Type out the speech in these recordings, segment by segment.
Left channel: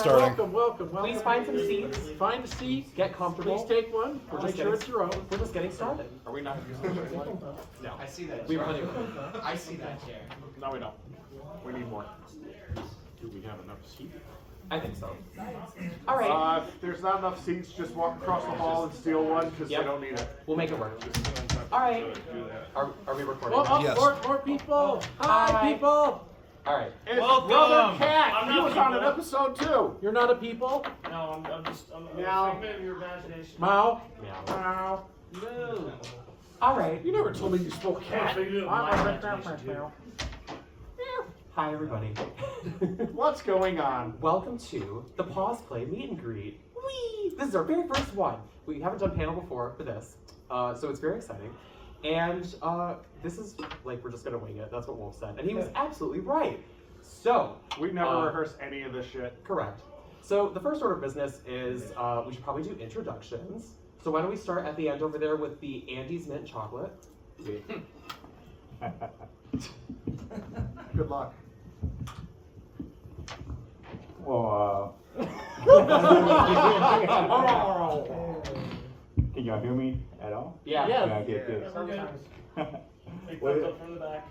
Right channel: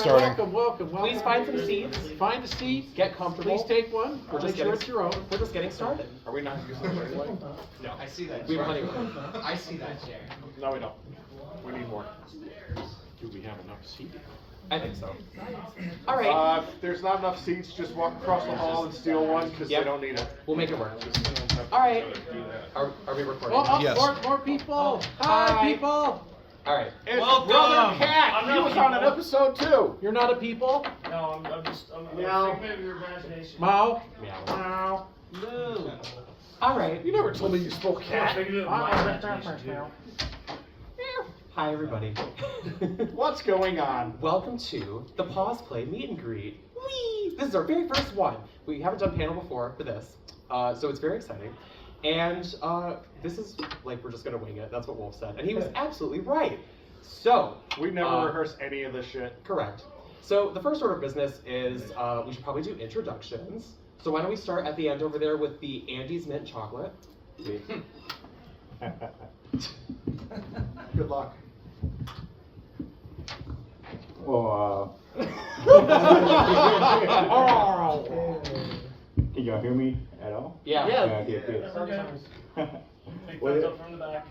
starting. Welcome. Please find some seats. Find a seat. Get comfortable. Please take one. Make sure it's your own. We're just getting started. Are we not using the right way? No. I see that. We have plenty of room. I see that chair. No, we don't. We need more. Do we have enough seats? I think so. All right. If there's not enough seats, just walk across the hall and steal one because Yep. they don't need it. We'll make it work. All right. Are we recording? Oh, Yes. more people. Hi, Hi. people. All right. It's Welcome. Brother Cat. I'm He not was on an people. episode too. You're not a people. No, I'm Meow. a figment of your imagination. Mao. Meow. Wow. No. All right. You never told me you spoke I'm a cat. figment of my imagination, too. Hi, everybody. What's going on? Welcome to the Paws Play Meet and Greet. Whee! This is our very first one. We haven't done panel before for this, so it's very exciting. And this is like we're just gonna wing it. That's what Wolf said, and he was absolutely right. So We never rehearse any of this shit. correct. So the first order of business is we should probably do introductions. So why don't we start at the end over there with the Andes mint chocolate? Good luck. Well, can y'all hear me at all? Yeah. Yeah. Okay, good. Sometimes. Big What thumbs is- up from the back.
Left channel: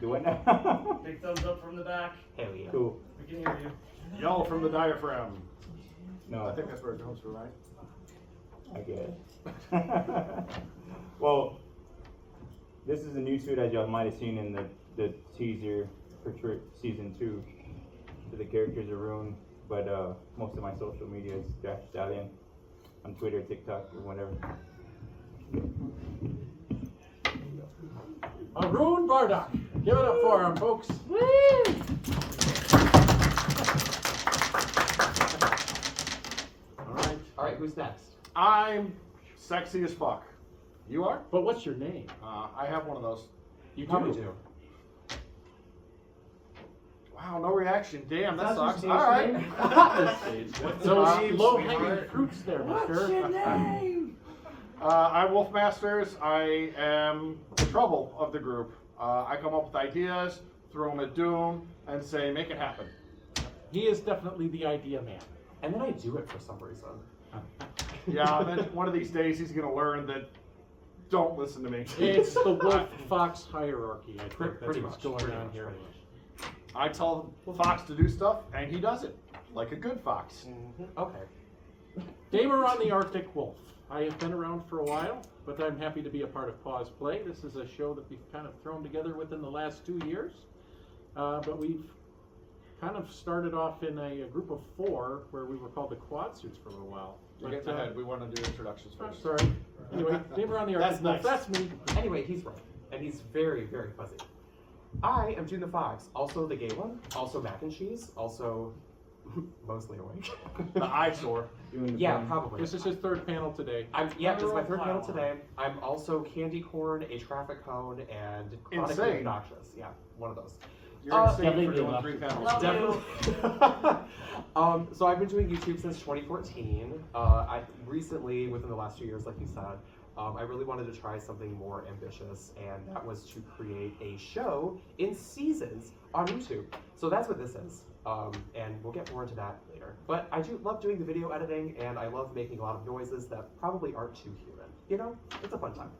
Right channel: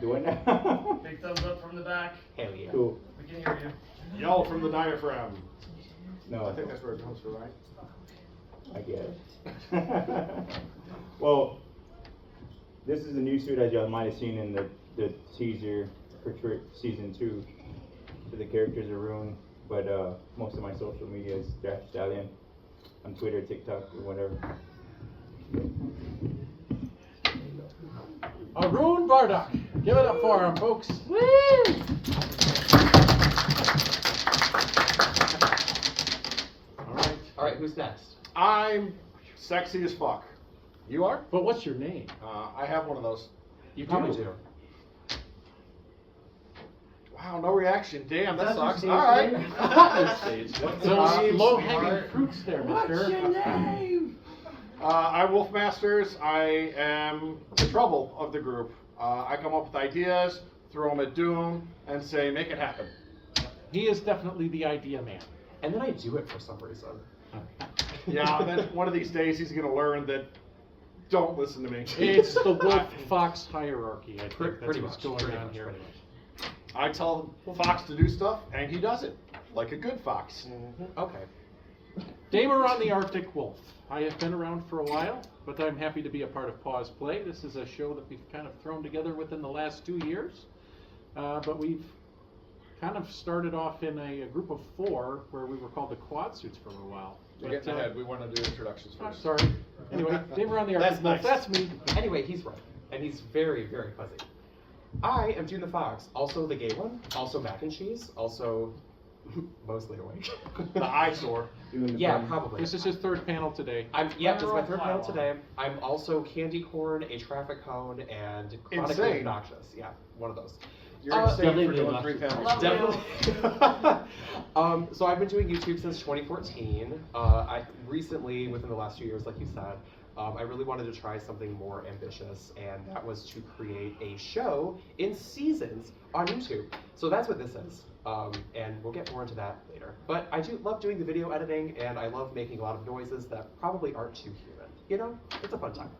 Do it now? Big thumbs up from the back. Hell yeah. Cool. We can hear you. Yell from the diaphragm. No, I think that's where it comes from, right? I guess. Well, this is a new suit as y'all might have seen in the teaser for season 2. So the characters are ruined, but most of my social media is Dash Stallion on Twitter, TikTok, or whatever. Arun Bardock. Give it up for him, folks. All right. Who's next? I'm sexy as fuck. You are? But what's your name? I have one of those. You probably do. Wow, no reaction. Damn, that That's your sucks. stage All right. name? Those low-hanging fruits there, mister. I'm Wolf Masters. I am the trouble of the group. I come up with ideas, throw them at Doom, and say, make it happen. He is definitely the idea man. And then I do it for some reason. Yeah, then one of these days he's going to learn that don't listen to me. It's the wolf-fox hierarchy. I think that's Pretty what's much. going Pretty on much, here. pretty much. I tell Fox to do stuff, and he does it. Like a good fox. Okay. Damer on the Arctic Wolf. I have been around for a while, but I'm happy to be a part of Paws Play. This is a show that we've kind of thrown together within the last 2 years. But we've kind of started off in a group of 4 where we were called the Quad Suits for a little while. You're getting ahead. We want to do introductions I'm first. sorry. Anyway, Damer on the Arctic That's Wolf. nice. That's me. Anyway, he's right. And he's very, very fuzzy. I am June the Fox, also the gay one, also mac and cheese, also mostly awake. The eyesore. Doing the Yeah, fun. probably. This is his 3rd panel today. This is my 3rd panel today. I'm also candy corn, a traffic cone, and chronically Insane. obnoxious. Yeah, one of those. You're insane for definitely doing do 3 panels. Love Definitely. So I've been doing YouTube since 2014. I recently, within the last 2 years, like you said, I really wanted to try something more ambitious, and that was to create a show in seasons on YouTube. So that's what this is, and we'll get more into that later. But I do love doing the video editing, and I love making a lot of noises that probably aren't too human. You know, it's a fun time.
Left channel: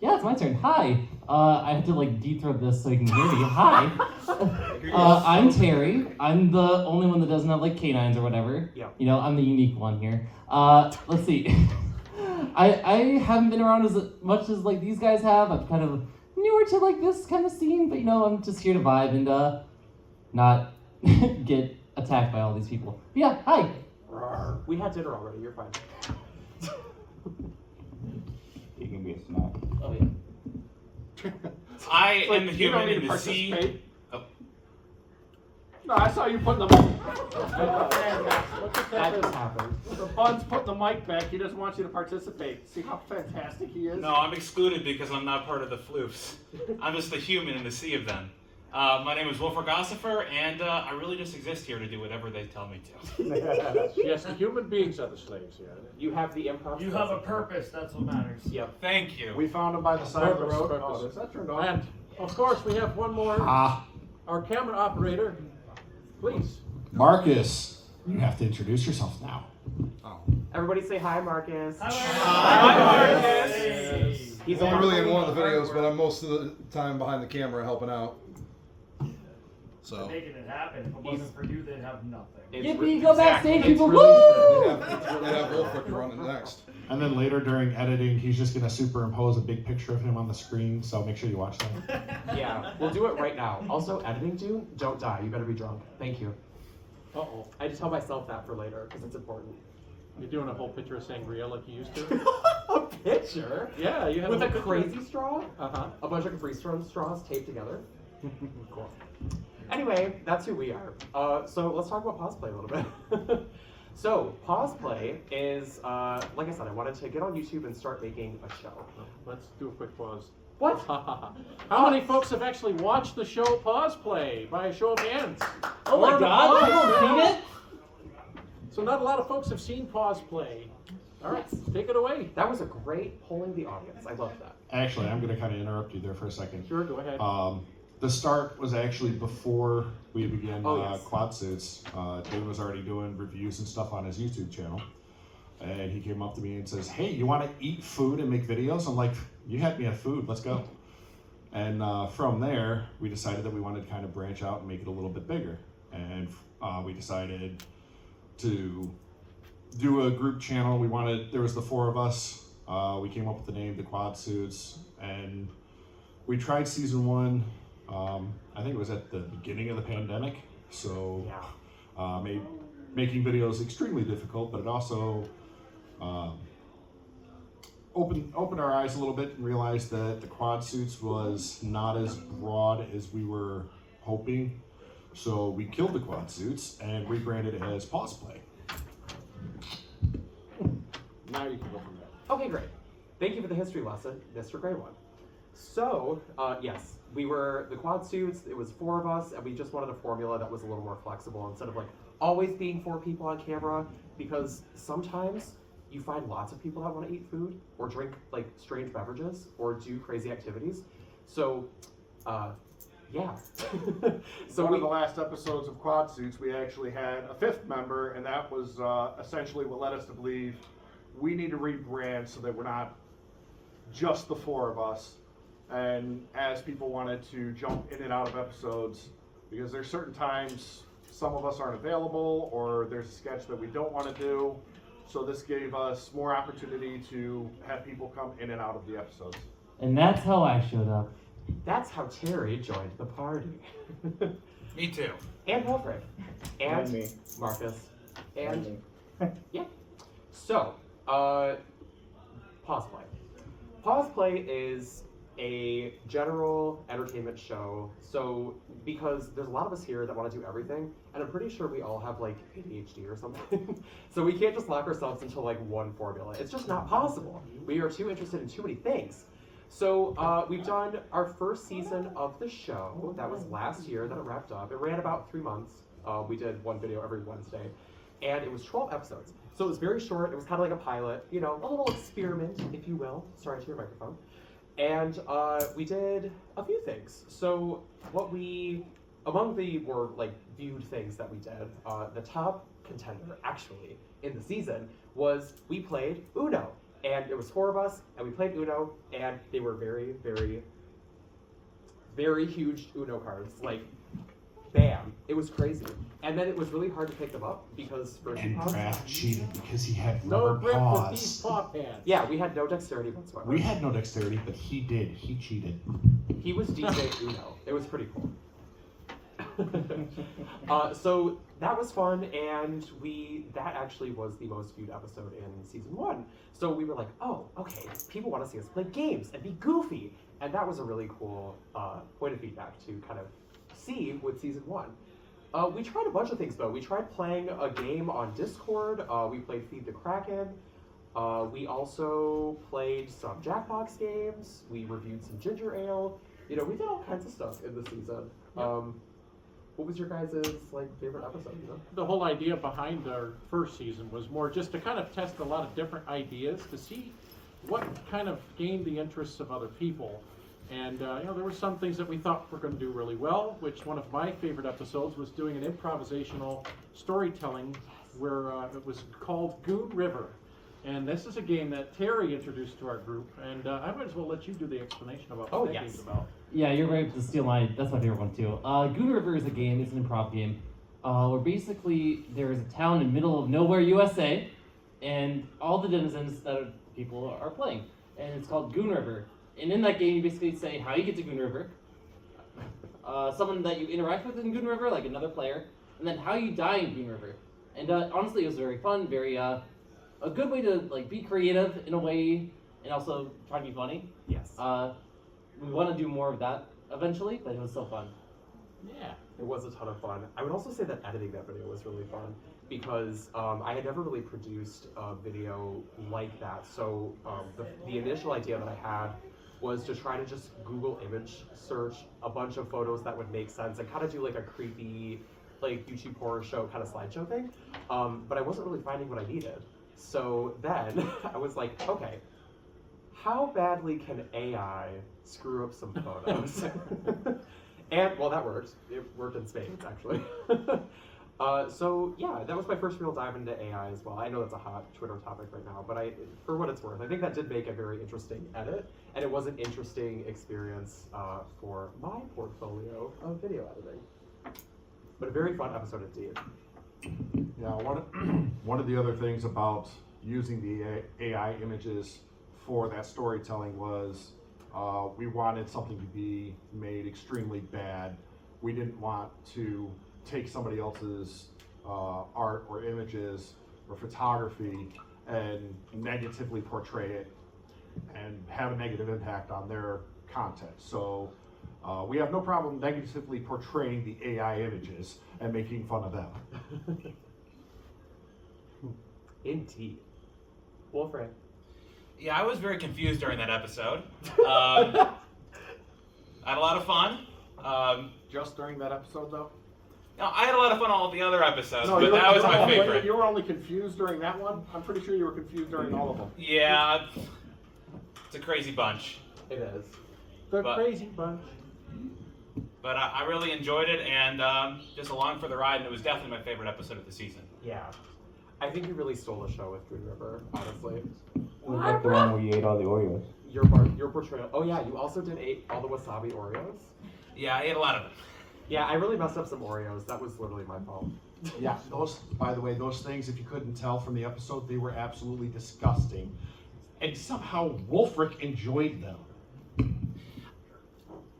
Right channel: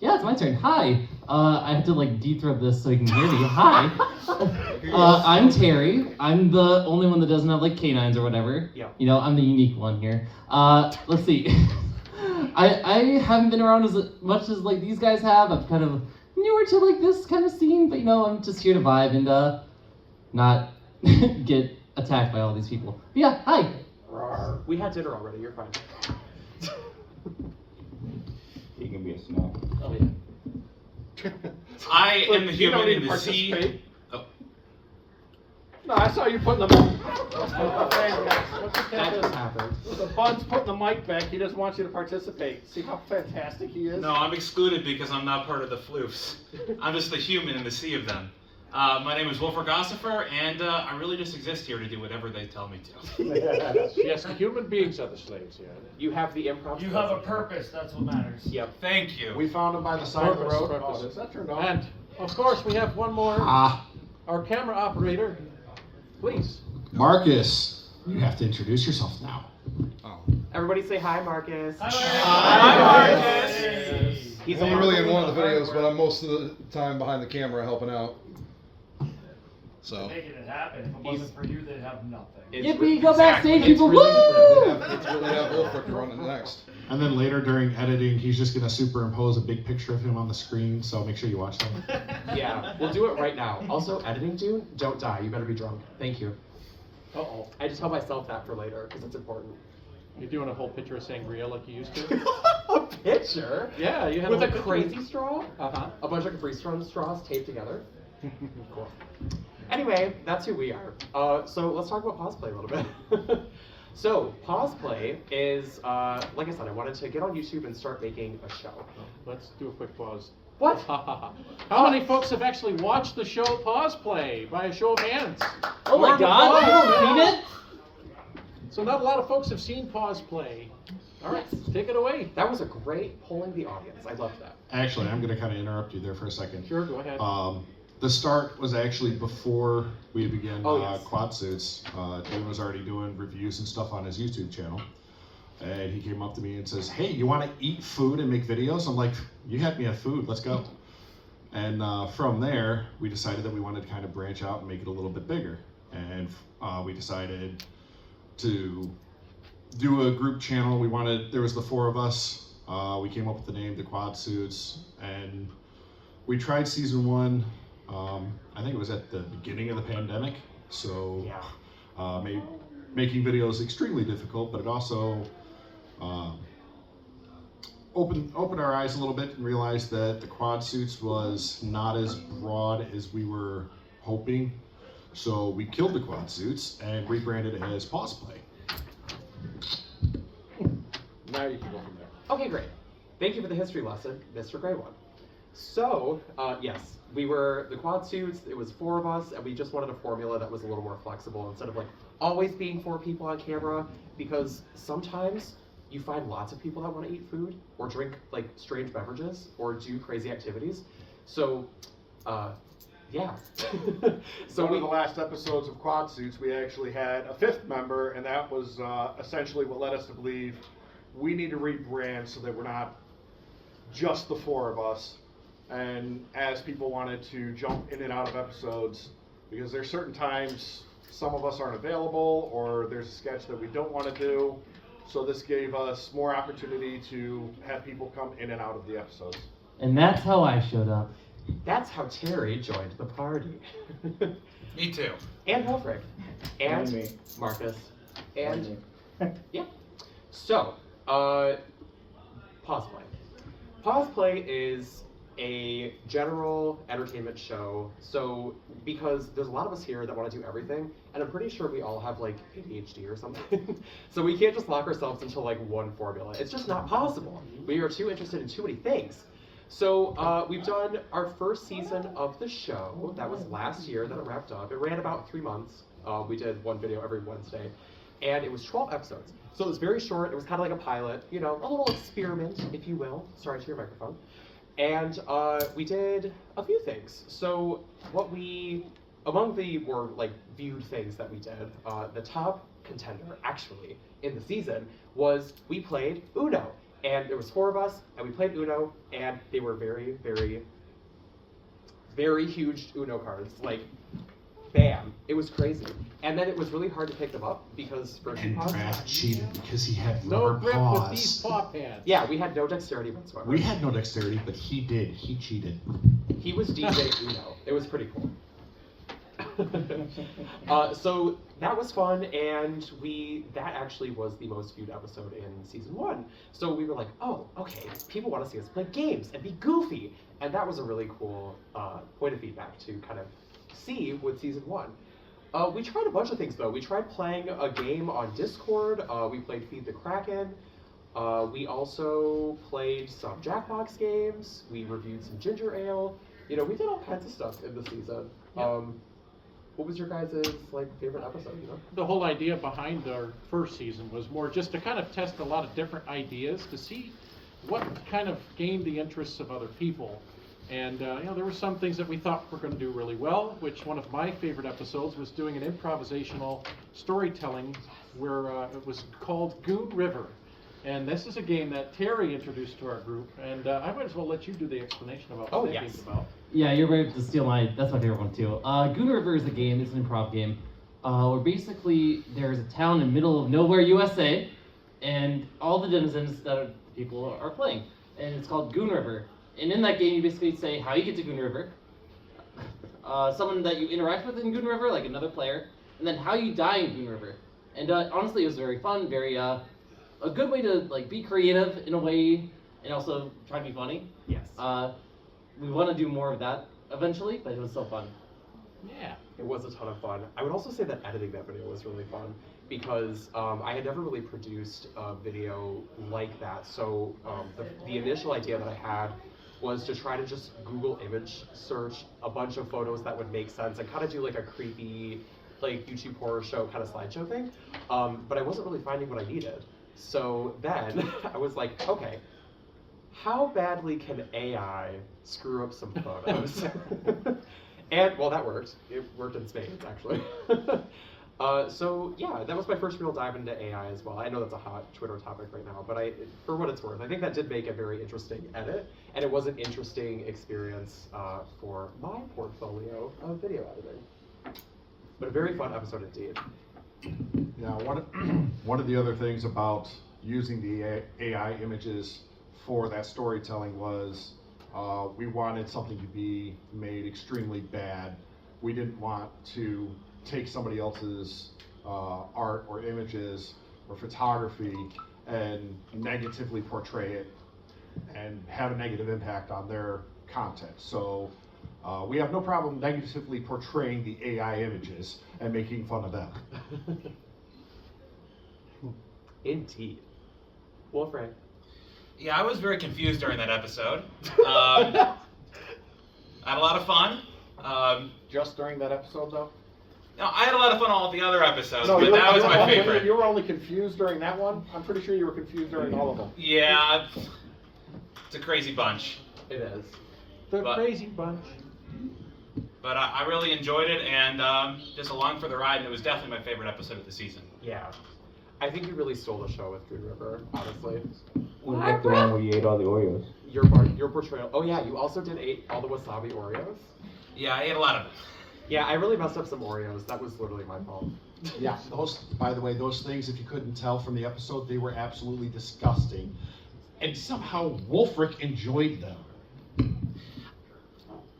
Yeah, it's my turn. Hi. I have to like deep throat this so you can hear me. Hi. I'm Terry. I'm the only one that doesn't have like canines or whatever. Yeah. You know, I'm the unique one here. Let's see. I haven't been around as much as like these guys have. I'm kind of newer to like this kind of scene, but you know, I'm just here to vibe and not get attacked by all these people. But yeah, hi. We had dinner already. You're fine. He can be a snack. Oh yeah. I It's like, am the you don't human need in to the sea. participate. Oh. No, I saw you putting the That just happened. The Bud's putting the mic back. He doesn't want you to participate. See how fantastic he is? No, I'm excluded because I'm not part of the floofs. I'm just the human in the sea of them. My name is Wolfgang Gossifer, and I really just exist here to do whatever they tell me to. Yes, the human beings are the slaves here. You have the improv. You have a purpose, that's what matters. Yep. Thank you. We found him by the side of the road. Purpose. Oh, is that turned off? And of course, we have one more. Ah. Our camera operator, Please. Marcus, you have to introduce yourself now. Everybody say hi, Marcus. He's I'm only really in one of the wonderful videos, but I'm most of the time behind the camera helping out. So Making it happen. If it wasn't for you, they'd have nothing. Yippee, go backstage, It's people! really Woo! they have Wolfric running next. And then later during editing, he's just going to superimpose a big picture of him on the screen, so make sure you watch that. Yeah, we'll do it right now. Also, editing Dune, don't die. You better be drunk. Thank you. Uh-oh. I just tell myself that for later because it's important. You're doing a whole picture of sangria like you used to? A picture? Yeah, you had With a a whole crazy straw? Uh-huh. A bunch of Capri straws taped together? Cool. Anyway, that's who we are. So let's talk about Paws Play a little bit. So, Paws Play is, like I said, I wanted to get on YouTube and start making a show. Let's do a quick pause. What? How many folks have actually watched the show Paws Play? By a show of hands. Oh my Or the god, Paws I've channel. seen it! So not a lot of folks have seen Paws Play. All right, take it away. That was a great polling the audience. I loved that. Actually, I'm going to kind of interrupt you there for a second. Sure, go ahead. The start was actually before we began Oh, yes. Quad Suits. Dave was already doing reviews and stuff on his YouTube channel. And he came up to me and says, hey, you want to eat food and make videos? I'm like, you had me at food, let's go. And from there, we decided that we wanted to kind of branch out and make it a little bit bigger. And we decided to do a group channel. There was the 4 of us. We came up with the name, the Quad Suits. And we tried season 1. I think it was at the beginning of the pandemic, so Yeah. made making videos extremely difficult, but it also opened our eyes a little bit and realized that the Quad Suits was not as broad as we were hoping. So we killed the Quad Suits and rebranded it as Paws Play. Now you can go from there. Okay, great. Thank you for the history lesson, Mr. Grey One. So, yes, we were the Quad Suits, it was 4 of us, and we just wanted a formula that was a little more flexible instead of like always being 4 people on camera, because sometimes you find lots of people that want to eat food or drink like strange beverages or do crazy activities. So, yeah. So One of the last episodes of Quad Suits, we actually had a 5th member, and that was essentially what led us to believe we need to rebrand so that we're not just the 4 of us. And as people wanted to jump in and out of episodes, because there's certain times some of us aren't available or there's a sketch that we don't want to do. So this gave us more opportunity to have people come in and out of the episodes. And that's how I showed up. that's how Terry joined the party. Me too. And Wolfric. And And me. Marcus. And me. yeah. So, Paws Play. Paws Play is a general entertainment show. So, because there's a lot of us here that want to do everything, and I'm pretty sure we all have like ADHD or something. So we can't just lock ourselves into like one formula. It's just not possible. We are too interested in too many things. So we've done our first season of the show. That was last year that it wrapped up. It ran about 3 months. We did one video every Wednesday. And it was 12 episodes. So it was very short. It was kind of like a pilot, you know, a little experiment, if you will. Sorry to your microphone. And we did a few things. So among the more like viewed things that we did, the top contender actually in the season was we played Uno. And there was 4 of us, and we played Uno, and they were very, very, very huge Uno cards. Like, bam. It was crazy. And then it was really hard to pick them up because for And paws. Raph cheated because he had No rubber grip paws. with these paw pads. Yeah, we had no dexterity whatsoever. We had no dexterity, but he did. He cheated. He was DJ Uno. It was pretty cool. So that was fun, and that actually was the most viewed episode in season 1. So we were like, oh, okay, people want to see us play games and be goofy, and that was a really cool point of feedback to kind of see with season 1. We tried a bunch of things though. We tried playing a game on Discord. We played Feed the Kraken. We also played some Jackbox games. We reviewed some ginger ale. You know, we did all kinds of stuff in the season. Yep. What was your guys' favorite episode? You know? The whole idea behind our first season was more just to kind of test a lot of different ideas to see what kind of gained the interests of other people. And there were some things that we thought were going to do really well, which one of my favorite episodes was doing an improvisational storytelling where it was called Goon River. And this is a game that Terry introduced to our group, and I might as well let you do the explanation about what that game's about. Yeah, you're right to steal that's my favorite one too. Goon River is a game, it's an improv game, where basically there's a town in the middle of nowhere, USA, and all the denizens that people are playing. And it's called Goon River. And in that game, you basically say how you get to Goon River, someone that you interact with in Goon River, like another player, and then how you die in Goon River. And honestly, it was very fun, very a good way to like be creative in a way, and also try to be funny. Yes. We want to do more of that eventually, but it was so fun. Yeah. It was a ton of fun. I would also say that editing that video was really fun because I had never really produced a video like that. So the initial idea that I had was to try to just Google image search a bunch of photos that would make sense and kind of do like a creepy, like YouTube horror show kind of slideshow thing. But I wasn't really finding what I needed. So then I was like, okay, how badly can AI screw up some photos? And, well, that worked. It worked in spades, actually. So, yeah, that was my first real dive into AI as well. I know that's a hot Twitter topic right now, but for what it's worth, I think that did make a very interesting edit, and it was an interesting experience for my portfolio of video editing. But a very fun episode indeed. Yeah, one of the other things about using the AI images for that storytelling was we wanted something to be made extremely bad. We didn't want to take somebody else's art or images or photography and negatively portray it and have a negative impact on their content. So we have no problem negatively portraying the AI images and making fun of them. Indeed. Wolfram. Yeah, I was very confused during that episode. I had a lot of fun. Just during that episode, though? No, I had a lot of fun on all the other episodes, No, but you that was my favorite. You were only confused during that one? I'm pretty sure you were confused during all of them. Yeah, it's a crazy bunch. It is. The But- Crazy Bunch. But I really enjoyed it, and just along for the ride, and it was definitely my favorite episode of the season. Yeah. I think you really stole the show with Green River, honestly. Was that the one where you ate all the Oreos? Your portrayal. Oh yeah, you also did eat all the wasabi Oreos. Yeah, I ate a lot of them. Yeah, I really messed up some Oreos. That was literally my fault. Yeah, those, by the way, those things, if you couldn't tell from the episode, they were absolutely disgusting. And somehow Wolfric enjoyed them.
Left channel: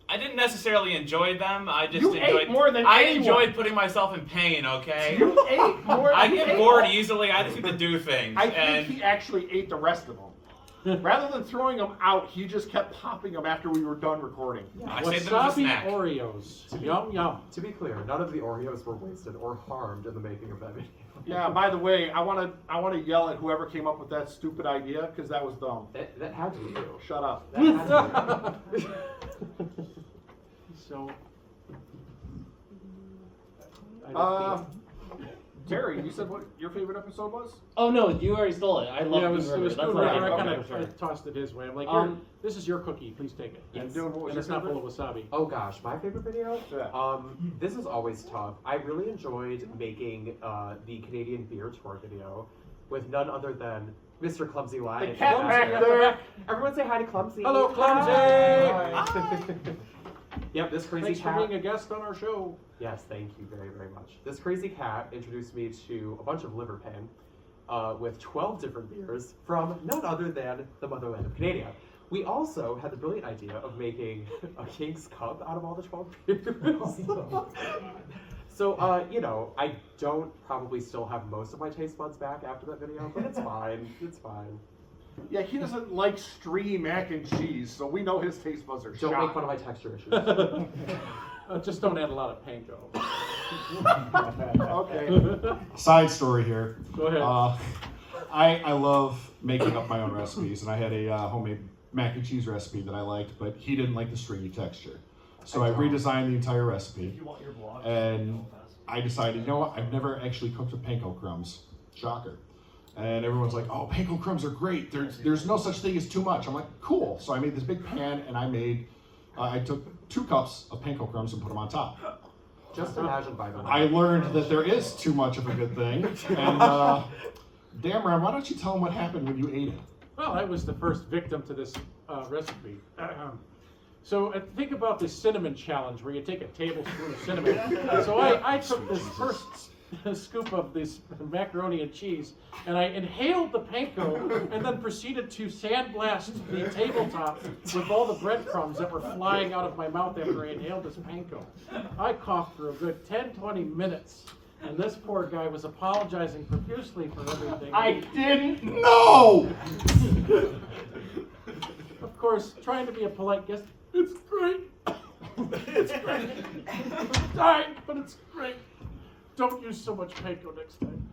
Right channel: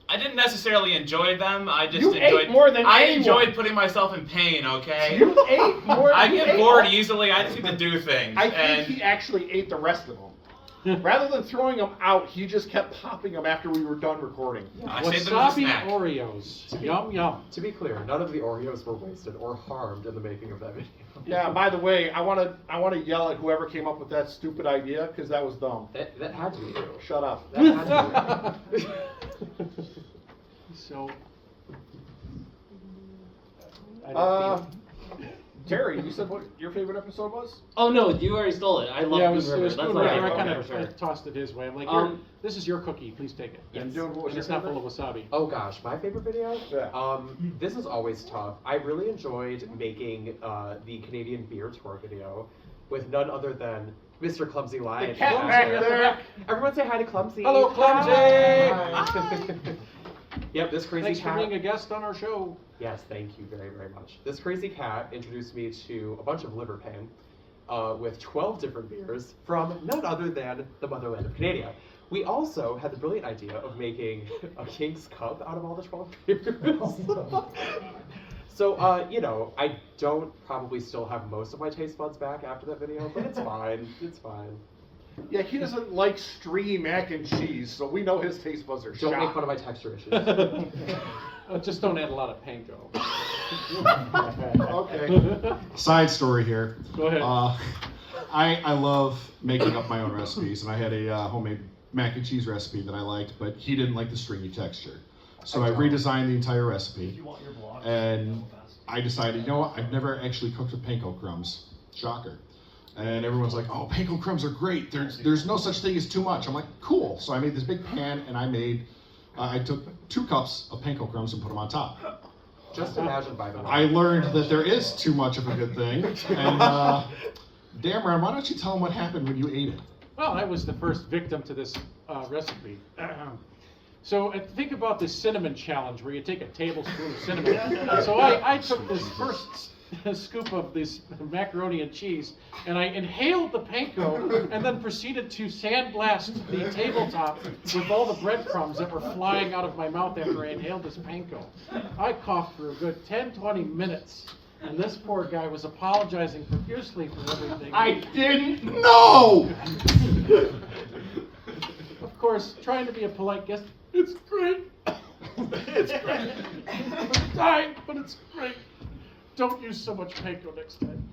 I didn't necessarily enjoy them. I just You enjoyed ate more than I anyone. enjoyed putting myself in pain. Okay. You ate more I than get you ate bored all- easily. I just need to do things. I think and he actually ate the rest of them. Rather than throwing them out, he just kept popping them after we were done recording. I saved them as a Wasabi snack. Oreos. Yum, yum. To be clear, none of the Oreos were wasted or harmed in the making of that video. Yeah, by the way, I want to yell at whoever came up with that stupid idea, because that was dumb. That had to be you. Shut up. That had to be you. So, Terry, you said what your favorite episode was? Oh no, you already stole it. I love yeah, it Goon was River. Goon That's River. all I right. kind Okay, of sure. tossed it his way. I'm like, this is your cookie. Please take it. And dude, what was And your it's not full favorite? of wasabi. Oh gosh, my favorite video? Yeah. This is always tough. I really enjoyed making the Canadian beer tour video with none other than Mr. Clumsy Lion. The cat back there. Everyone say hi to Clumsy. Hello, Clumsy! Hi. Yep, this crazy Thanks cat. for being a guest on our show. Yes, thank you very, very much. This crazy cat introduced me to a bunch of liver pain with 12 different beers from none other than the motherland of Canada. We also had the brilliant idea of making a King's Cup out of all the 12 beers. So, you know, I don't probably still have most of my taste buds back after that video, but it's fine. It's fine. Yeah, he doesn't like stringy mac and cheese, so we know his taste buds are Don't shot. make fun of my texture issues. Just don't add a lot of panko. Okay. Side story here. Go ahead. I love making up my own recipes, and I had a homemade mac and cheese recipe that I liked, but he didn't like the stringy texture. So I redesigned the entire recipe, You want your blog? and I decided, you know what, I've never actually cooked with panko crumbs. Shocker. And everyone's like, oh, panko crumbs are great. There's no such thing as too much. I'm like, cool. So I made this big pan, and I made I took 2 cups of panko crumbs and put them on top. Just imagine, by the way. I learned that there is too much of a good thing. And Dameron, why don't you tell them what happened when you ate it? Well, I was the first victim to this recipe. So think about this cinnamon challenge where you take a tablespoon of cinnamon. So I took this first scoop of this macaroni and cheese and I inhaled the panko and then proceeded to sandblast the tabletop with all the breadcrumbs that were flying out of my mouth after I inhaled this panko. I coughed for a good 10-20 minutes. And this poor guy was apologizing profusely for everything. I didn't know! Of course, trying to be a polite guest, it's great. It's great. I'm dying, but it's great. Don't use so much panko next time.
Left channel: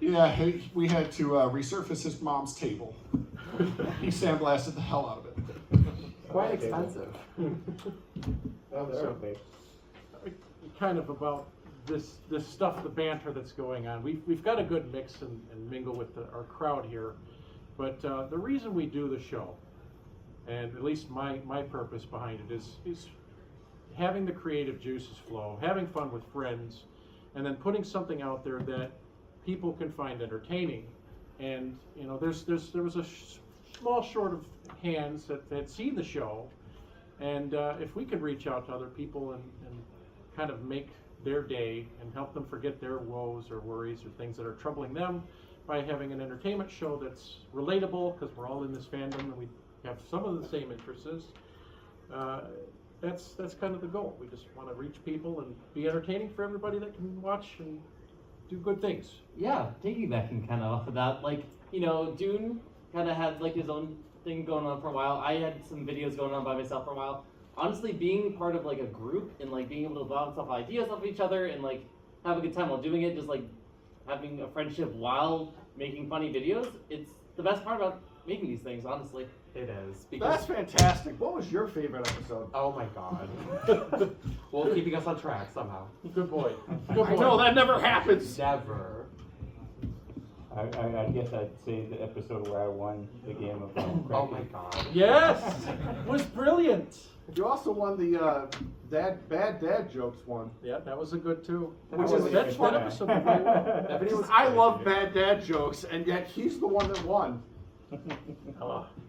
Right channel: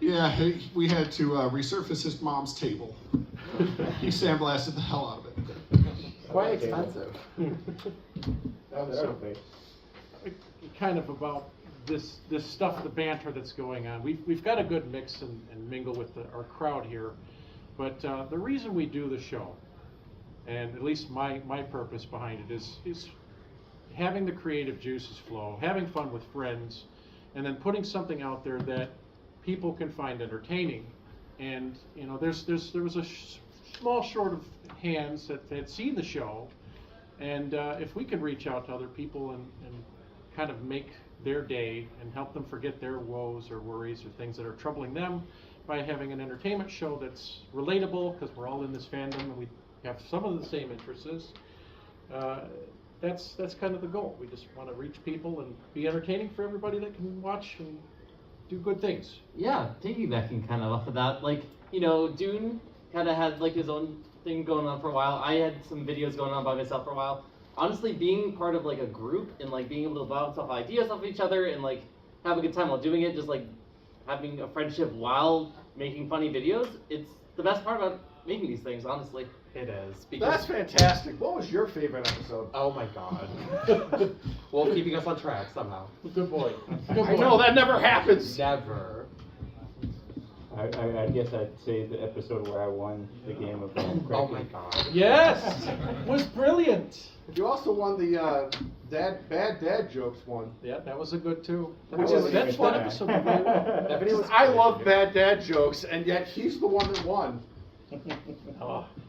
Yeah, we had to resurface his mom's table. He sandblasted the hell out of it. Quite expensive. Kind of about this stuff, the banter that's going on. We've got a good mix and mingle with our crowd here, but the reason we do the show, and at least my purpose behind it is having the creative juices flow, having fun with friends, and then putting something out there that people can find entertaining. And you know, there was a small short of hands that had seen the show, and if we could reach out to other people and kind of make their day and help them forget their woes or worries or things that are troubling them by having an entertainment show that's relatable, because we're all in this fandom and we have some of the same interests. That's kind of the goal. We just want to reach people and be entertaining for everybody that can watch and do good things. Yeah, piggybacking kind of off of that, like, you know, Dune kind of had like his own thing going on for a while. I had some videos going on by myself for a while. Honestly, being part of like a group and like being able to bounce off ideas off each other and like have a good time while doing it, just like having a friendship while making funny videos, it's the best part about making these things, honestly. It is. That's fantastic. What was your favorite episode? Oh my god. Well, keeping us on track somehow. Good boy. Good boy. I know, that never happens. Never. I guess I'd say the episode where I won the game of Oh my god. Yes, was brilliant. You also won the bad dad jokes one. Yeah, that was a good too. Which is that episode was very well. That video was I crazy. love bad dad jokes, and yet he's the one that won.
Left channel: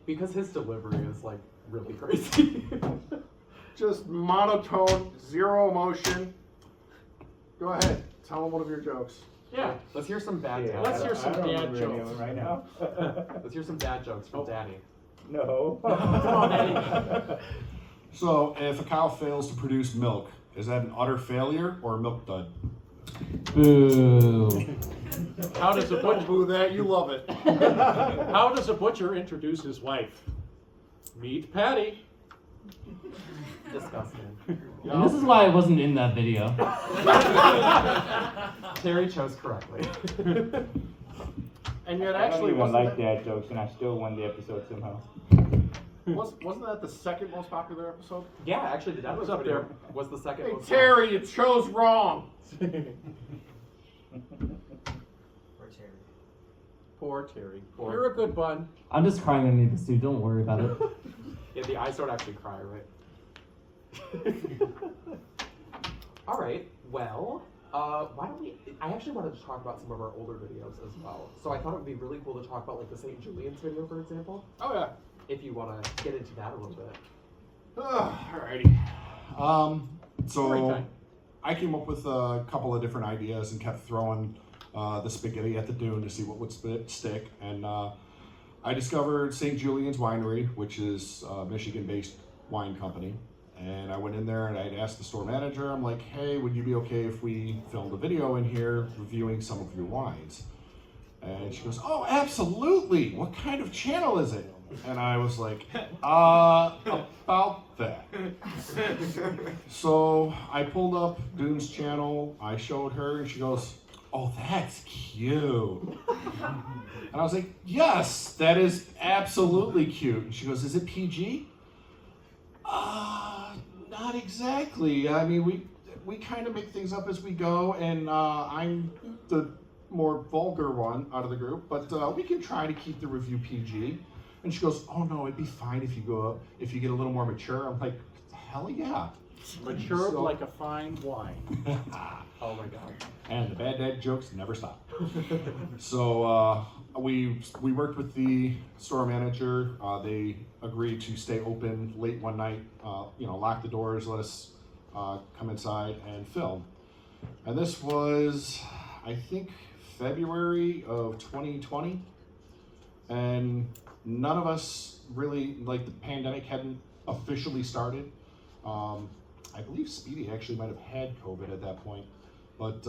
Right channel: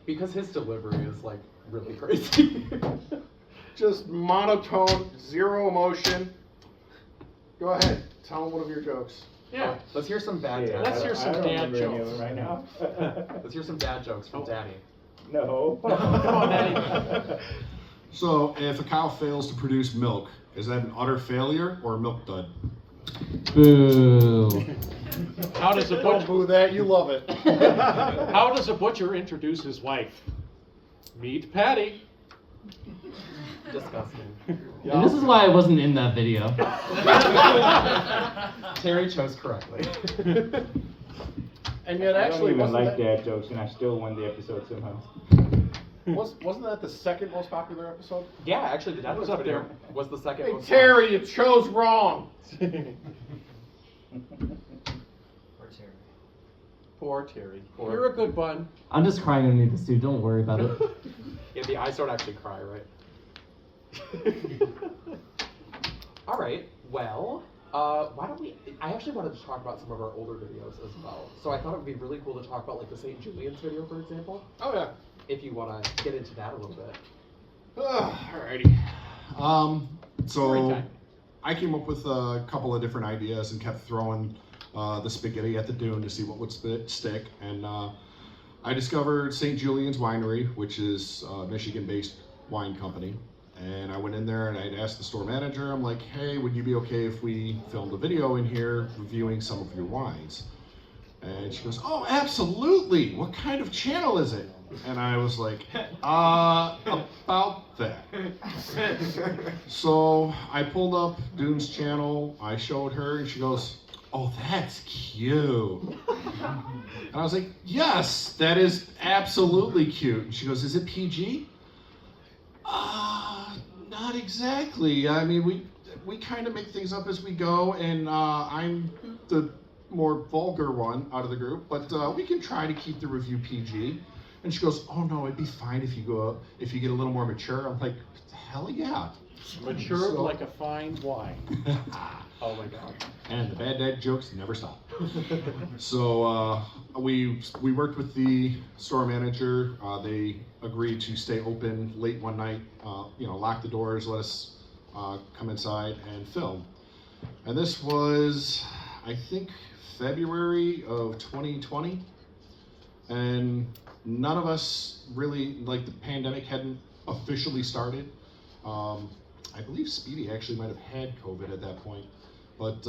Because his delivery is like really crazy. Just monotone, zero emotion. Go ahead, tell him one of your jokes. Yeah. Let's hear some bad Yeah, dads. Let's hear some I don't dad remember any of jokes. them right now. Let's hear some dad jokes from Oh. Daddy. No. Come on, Daddy. So, if a cow fails to produce milk, is that an utter failure or a milk dud? Boo. How does a Don't butcher? boo that, you love it. How does a butcher introduce his wife? Meet Patty. Disgusting. And this is why I wasn't in that video. Terry chose correctly. And yet, I actually, don't even wasn't like that, dad jokes, and I still won the episode somehow. wasn't that the second most popular episode? Yeah, actually, the dad was jokes up video there. was the second Hey, most Terry, you chose wrong. Poor Terry. Poor- You're a good bun. I'm just crying underneath this dude, don't worry about it. Yeah, the eyes don't actually cry, right? All right. Well, why don't we? I actually wanted to talk about some of our older videos as well. So I thought it would be really cool to talk about like the St. Julian's video, for example. Oh yeah. If you want to get into that a little bit. Alrighty. Story So time. I came up with a couple of different ideas and kept throwing the spaghetti at the dune to see what would stick. And I discovered St. Julian's Winery, which is a Michigan-based wine company. And I went in there and I'd asked the store manager, I'm like, hey, would you be okay if we filmed a video in here reviewing some of your wines? And she goes, oh, absolutely. What kind of channel is it? And I was like, about that. So I pulled up Dune's channel, I showed her, and she goes, oh, that's cute. And I was like, yes, that is absolutely cute. And she goes, is it PG? Not exactly. I mean, we kind of make things up as we go, and I'm the more vulgar one out of the group, but we can try to keep the review PG. And she goes, oh no, it'd be fine if you get a little more mature. I'm like, what the hell yeah. Matured So- like a fine wine. Oh my god. And the bad dad jokes never stop. So we worked with the store manager. They agreed to stay open late one night. Lock the doors, let us come inside and film. And this was, I think, February of 2020. And none of us really, like, the pandemic hadn't officially started. I believe Speedy actually might have had COVID at that point. But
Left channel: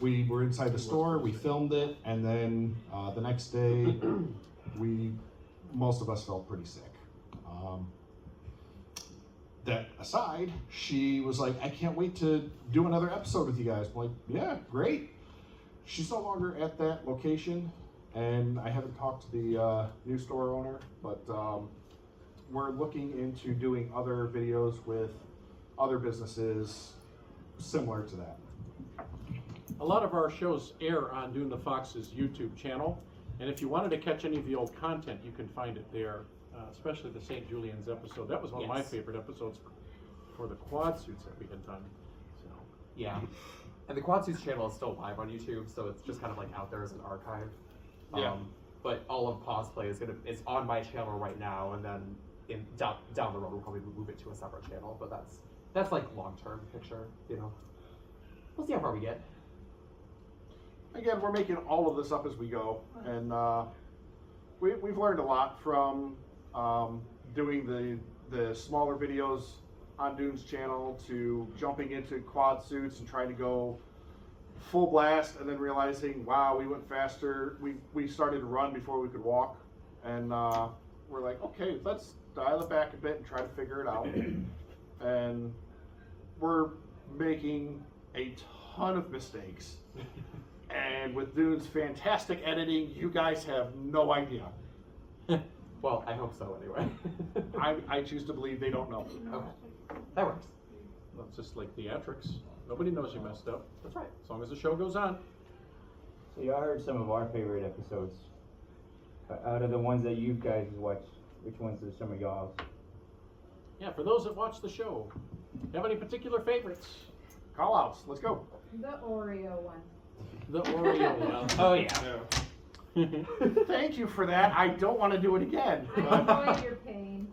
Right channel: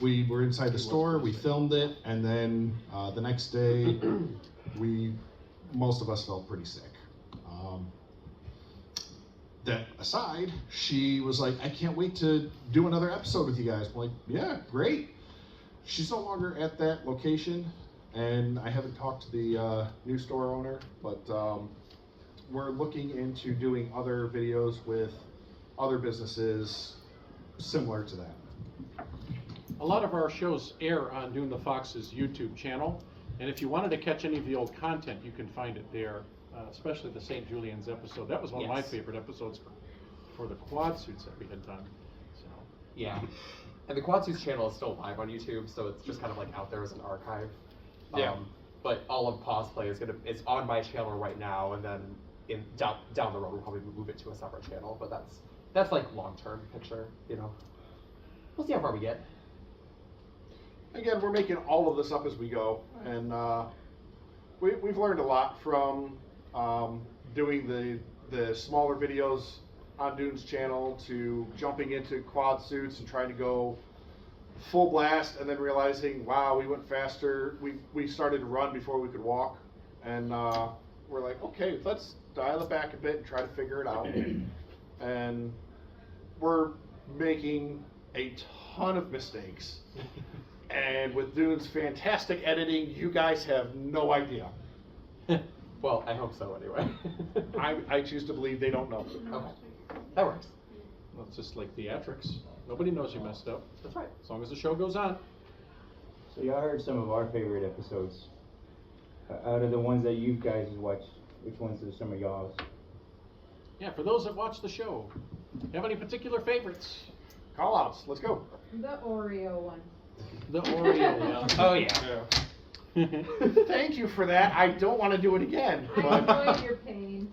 we were inside the store, we filmed it, and then the next day, most of us felt pretty sick. That aside, she was like, I can't wait to do another episode with you guys. I'm like, yeah, great. She's no longer at that location, and I haven't talked to the new store owner, but we're looking into doing other videos with other businesses similar to that. A lot of our shows air on Dune the Fox's YouTube channel, and if you wanted to catch any of the old content, you can find it there, especially the St. Julian's episode. That was one of my Yes. favorite episodes for the quad suits that we had done. So, Yeah. And the Quad Suits channel is still live on YouTube, so it's just kind of like out there as an archive. Yeah. But all of Paws Play is on my channel right now, and then down the road we'll probably move it to a separate channel. But that's like long-term picture, We'll see how far we get. Again, we're making all of this up as we go, and we've learned a lot from doing the smaller videos on Dune's channel to jumping into quad suits and trying to go full blast, and then realizing, wow, we went faster. We started to run before we could walk, and we're like, okay, let's dial it back a bit and try to figure it out. And we're making a ton of mistakes. And with Dune's fantastic editing, you guys have no idea. Well, I hope so anyway. I choose to believe they don't know. Okay. That works. well, it's just like theatrics. Nobody knows you messed up, That's right. as long as the show goes on. So y'all heard some of our favorite episodes. Out of the ones that you guys watched, which ones are some of y'all's? Yeah, for those that watch the show, have any particular favorites? Call outs, let's go. The Oreo one. The Oreo one. Oh yeah. Thank you for that. I don't want to do it again. I But enjoy your pain.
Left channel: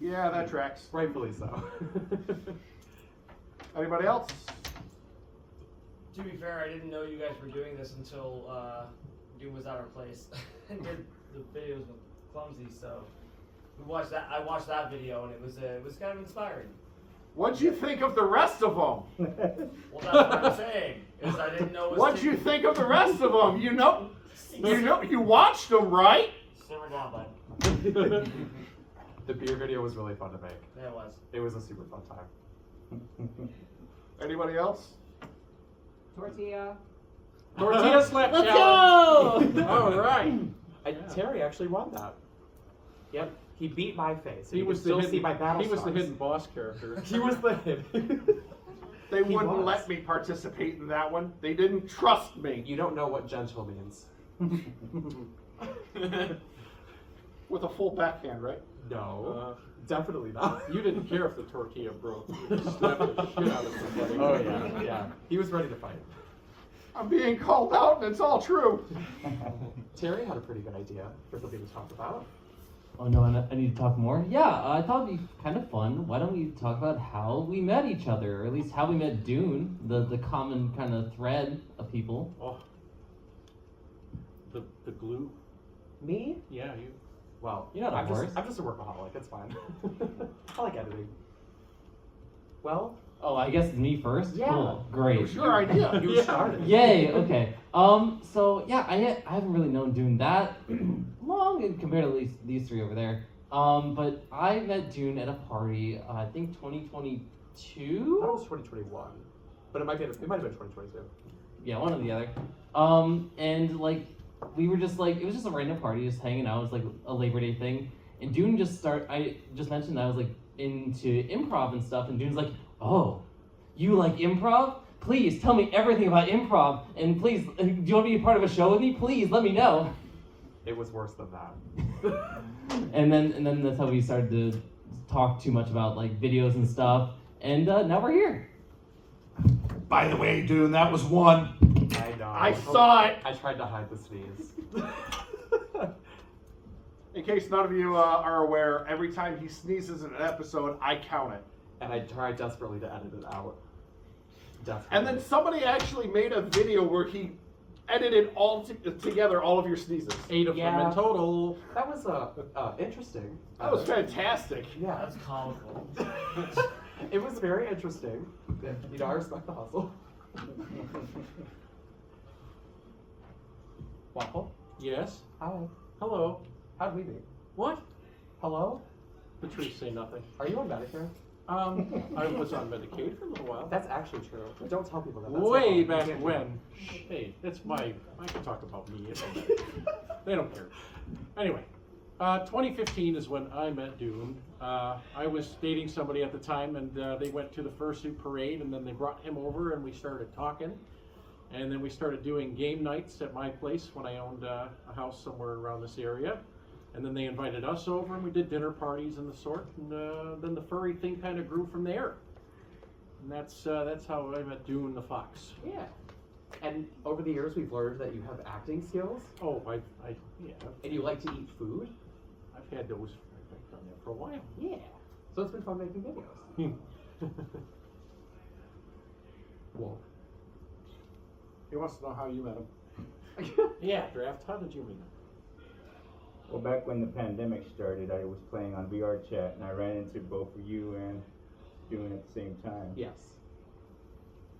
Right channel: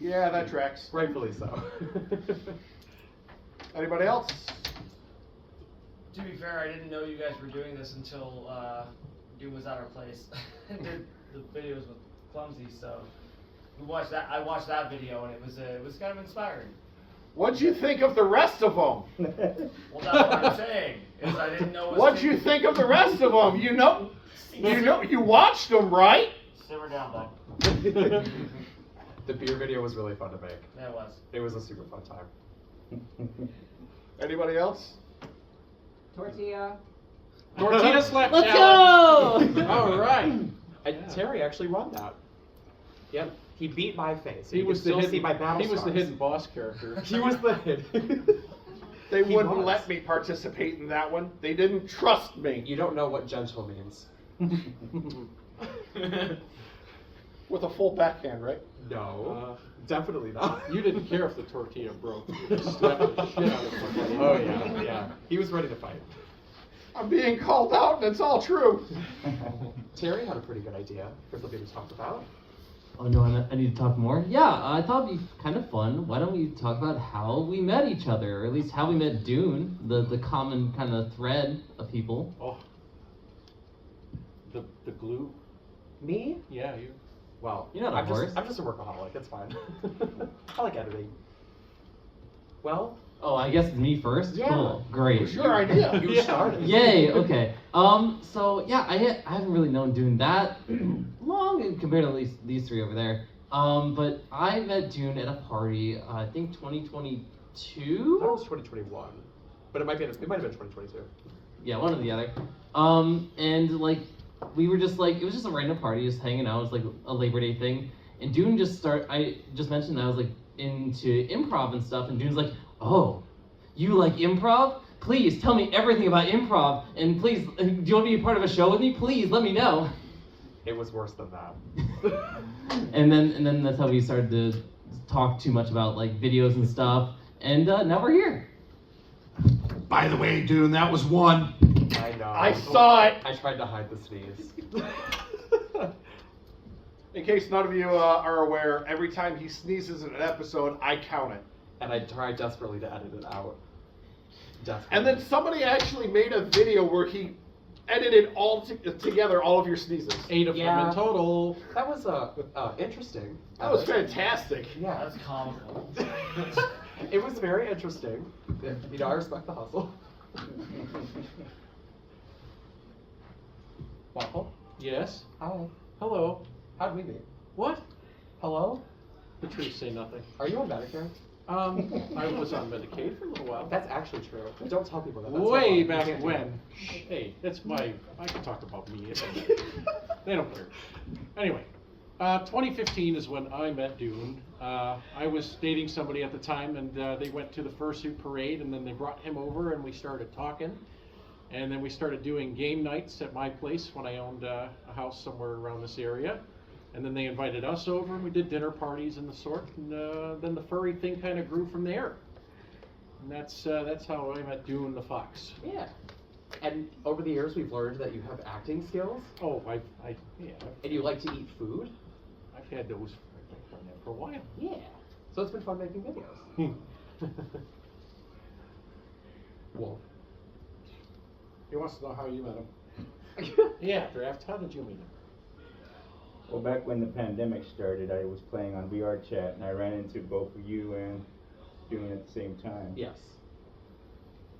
yeah, that tracks. Rightfully so. Anybody else? To be fair, I didn't know you guys were doing this until Doom was at our place and did the videos with Clumsy. So we watched that. I watched that video, and it was kind of inspiring. What'd you think of the rest of them? Well, that's what I'm saying. Is I didn't know. What'd you think of the rest of them? You watched them, right? Simmer down, bud. The beer video was really fun to make. Yeah, it was. It was a super fun time. Anybody else? Tortilla. Tortilla slap Let's challenge. go! All right. Terry actually won that. Yep. He beat my face. He You was can still the see my hidden. battle He was the scars. hidden boss character. He was the hidden. They He wouldn't was. let me participate in that one. They didn't trust me. You don't know what gentle means. With a full backhand, right? No. Definitely not. You didn't care if the tortilla broke. You just slapped the shit out of somebody. Oh yeah, yeah. He was ready to fight. I'm being called out, and it's all true. Terry had a pretty good idea for something to talk about. Oh no, I need to talk more? Yeah, I thought it'd be kind of fun. Why don't we talk about how we met each other, or at least how we met Dune, the common kind of thread of people. Oh. The glue. Me? Yeah, you. Well, You're not a I'm horse. just a workaholic. It's fine. I like editing. Well, Oh, I guess it's me first? Yeah. Cool, It great. was your idea. you Yeah. started. Yay, okay. So yeah, I haven't really known Dune that long compared to at least these three over there. But I met Dune at a party, I think I thought 2022? it was 2021, but it might have been 2022. Yeah, one or the other. And like, we were just like, it was just a random party, just hanging out. It was like a Labor Day thing. And Dune I just mentioned that I was like into improv and stuff. And Dune's like, oh, you like improv? Please tell me everything about improv. And please, do you want to be a part of a show with me? Please let me know. It was worse than that. And then that's how we started to talk too much about like videos and stuff. And now we're here. By the way, Dune, that was one. I know. I saw it. I tried to hide the sneeze. In case none of you are aware, every time he sneezes in an episode, I count it. And I tried desperately to edit it out. Definitely. And then somebody actually made a video where he edited together all of your sneezes. 8 of them Yeah. in total. That was interesting. That was fantastic. Yeah. That's comical. It was very interesting. You know, I respect the hustle. Waffle? Yes. Hi. Hello. How'd we meet? What? Hello? Patrice, say nothing. Are you on Medicare? I was on Medicaid for a little while. That's actually true. Don't tell people that. That's Way so back wrong. You can't do when. Hey, that's my. I can talk about me. It don't matter. They don't care. Anyway, 2015 is when I met Dune. I was dating somebody at the time, and they went to the fursuit parade, and then they brought him over, and we started talking. And then we started doing game nights at my place when I owned a house somewhere around this area. And then they invited us over, and we did dinner parties and the sort. And then the furry thing kind of grew from there. And that's how I met Dune the fox. Yeah. And over the years, we've learned that you have acting skills, Oh, yeah, and you like to eat food. I've had those. I've done that for a while. Yeah. So it's been fun making videos. Well. He wants to know how you met him. Yeah, Draft. How did you meet him? Well, back when the pandemic started, I was playing on VR chat, and I ran into both of you and Dune at the same time. Yes.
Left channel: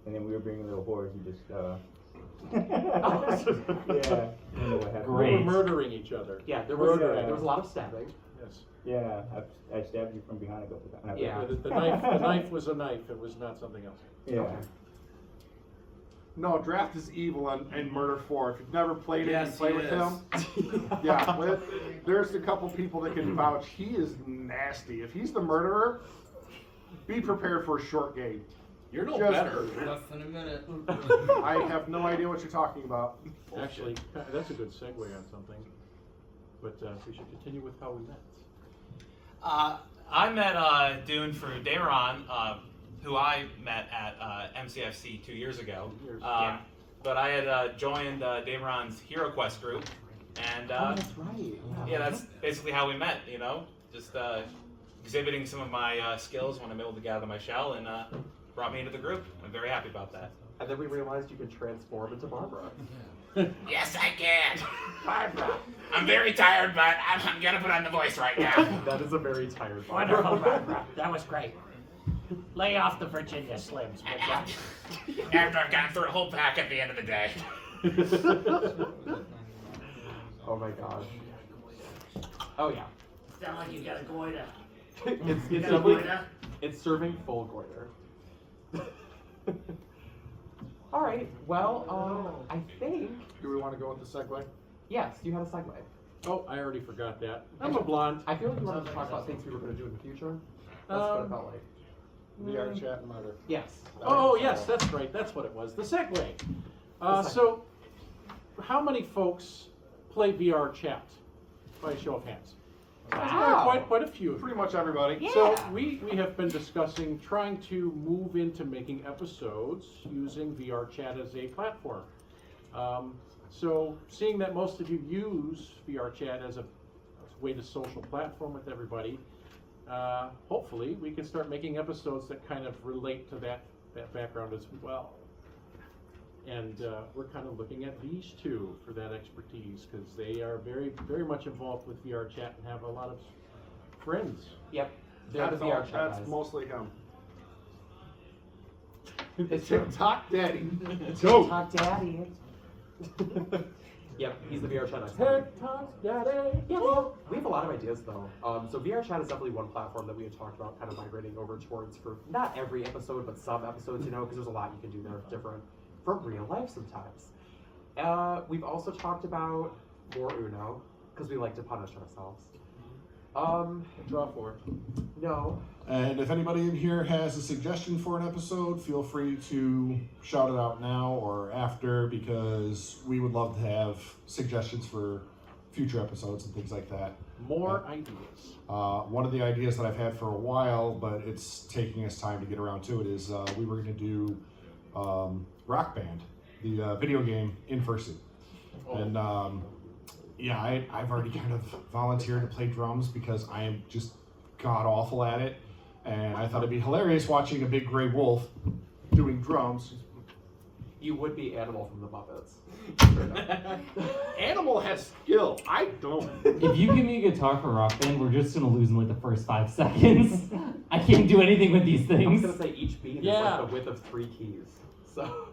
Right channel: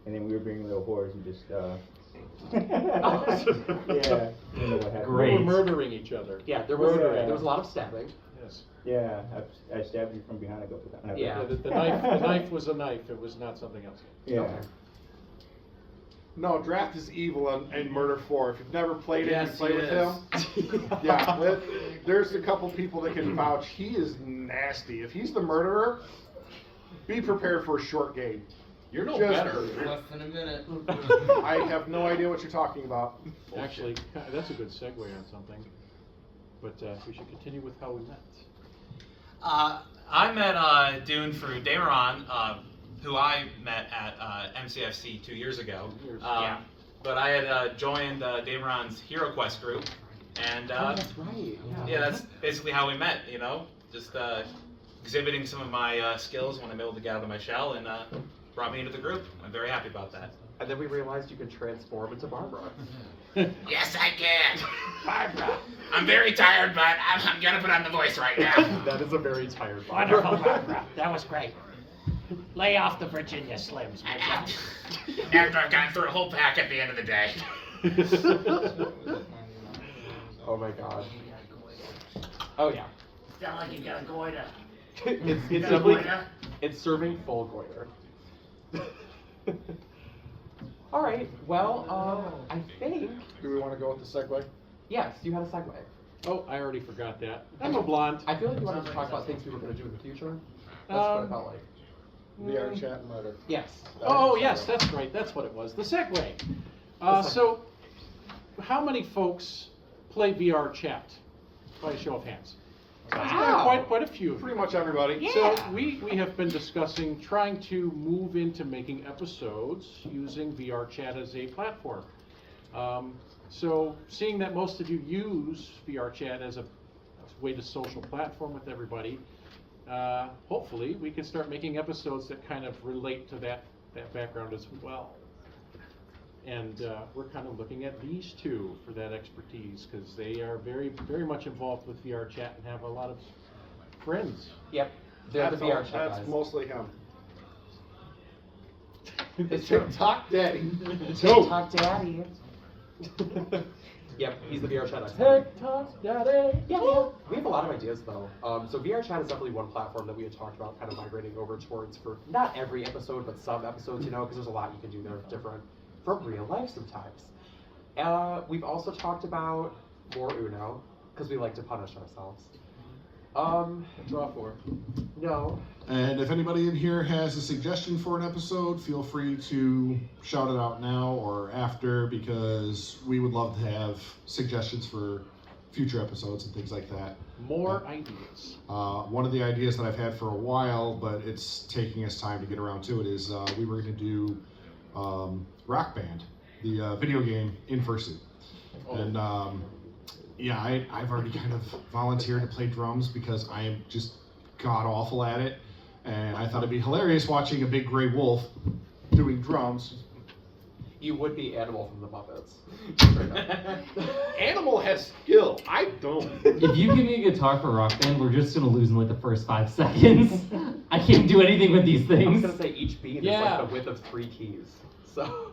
And then we were being little whores and just, yeah, I don't know what happened. We were murdering each other. Yeah, there Murdering. was a lot of stabbing. Yes. Yeah, I stabbed you from behind a couple times. Yeah. The knife was a knife. It was not something else. Yeah. Okay. No, Draft is evil and Murder 4. If you've never played it, Yes, you play he with is. him. Yeah, there's a couple people that can vouch. He is nasty. If he's the murderer, be prepared for a short game. You're no Just- better. Less than a minute. I have no idea what you're talking about. Actually, that's a good segue on something. But we should continue with how we met. I met Dune through Dayron, who I met at MCFC 2 years ago. Yeah. But I had joined Dayron's Hero Quest group, and Oh, that's right. yeah, that's basically how we met. You know, just exhibiting some of my skills when I'm able to get out of my shell, and brought me into the group. I'm very happy about that. And then we realized you can transform into Barbara. Yes, I can. Barbara. I'm very tired, but I'm gonna put on the voice right now. That is a very tired Barbara. Wonderful, Barbara. That was great. Lay off the Virginia Slims, would ya? After I've gone through a whole pack at the end of the day. Oh my god. Oh yeah. Sound like you got a goiter. It's Got a definitely goiter? it's serving full goiter. All right. Well, I think Do we want to go with the segue? yes, you had a segue. Oh, I already forgot that. I'm a blonde. I feel like you wanted to talk about things we were going to do in the future. That's what it felt like. VR chat and murder. Yes. Oh, yes, that's right. That's what it was. The segue. So, how many folks play VR chat? By a show of hands. Wow. Quite a few. Pretty much everybody. So we have been discussing trying to move into making episodes using VR chat as a platform. So seeing that most of you use VR chat as a way to social platform with everybody, hopefully we can start making episodes that kind of relate to that background as well. And we're kind of looking at these two for that expertise because they are very, very much involved with VR chat and have a lot of friends. Yep. They're the VR chat That's guys. mostly him. The It's true. TikTok daddy. TikTok daddy. Yep, he's the VR chat expert. TikTok daddy. Yeah, we have a lot of ideas though. So VR chat is definitely one platform that we had talked about kind of migrating over towards for not every episode, but some episodes, you know, because there's a lot you can do there different from real life sometimes. We've also talked about more Uno, because we like to punish ourselves. Draw four. No. And if anybody in here has a suggestion for an episode, feel free to shout it out now or after, because we would love to have suggestions for future episodes and things like that. More ideas. One of the ideas that I've had for a while, but it's taking us time to get around to it, is we were going to do Rock Band, the video game in fursuit. And yeah, I've already kind of volunteered to play drums because I am just god awful at it. And I thought it'd be hilarious watching a big gray wolf doing drums. You would be Animal from the Muppets. Animal has skill. I don't. If you give me a guitar for Rock Band, we're just gonna lose in like the first 5 seconds. I can't do anything with these I was things. gonna say each beat is like the width of 3 keys. So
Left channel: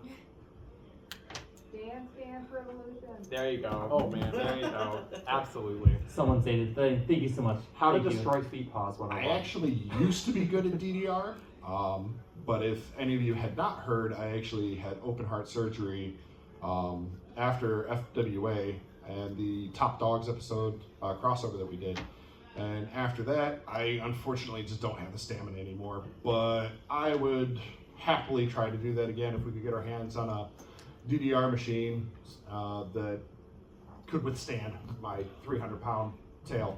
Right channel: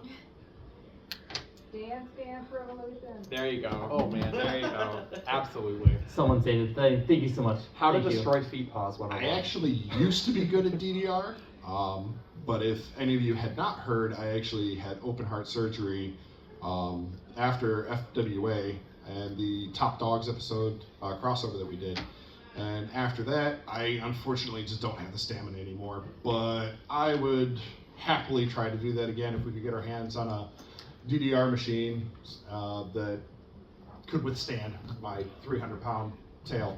Dance Revolution. there you go. Oh, man. There you go. Absolutely. Someone say it. Thank you so much. How to Thank you. destroy feet paws 101. I actually used to be good at DDR, but if any of you had not heard, I actually had open heart surgery after FWA and the Top Dogs episode crossover that we did. And after that, I unfortunately just don't have the stamina anymore. But I would happily try to do that again if we could get our hands on a DDR machine that could withstand my 300-pound tail.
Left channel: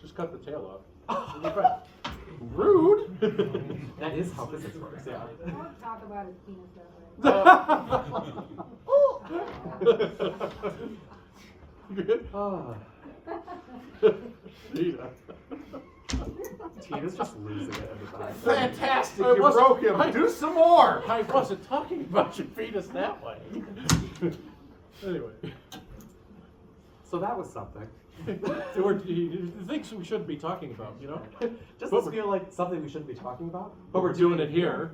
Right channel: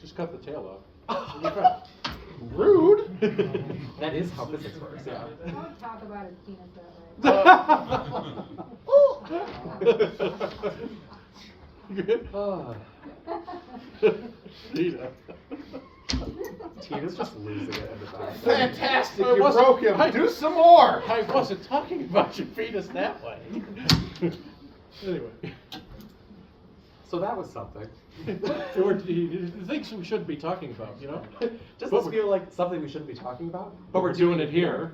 Just cut the tail off. Rude. That is how physics works, yeah. Don't talk about his penis that way. Good. Tina. Tina's just losing it in the back. Fantastic. I You wasn't- broke him. I- Do some more. I wasn't talking about your penis that way. Anyway. So that was something. There were things we shouldn't be talking about, you know? Just But does feel like something we shouldn't be talking about. But we're doing it here.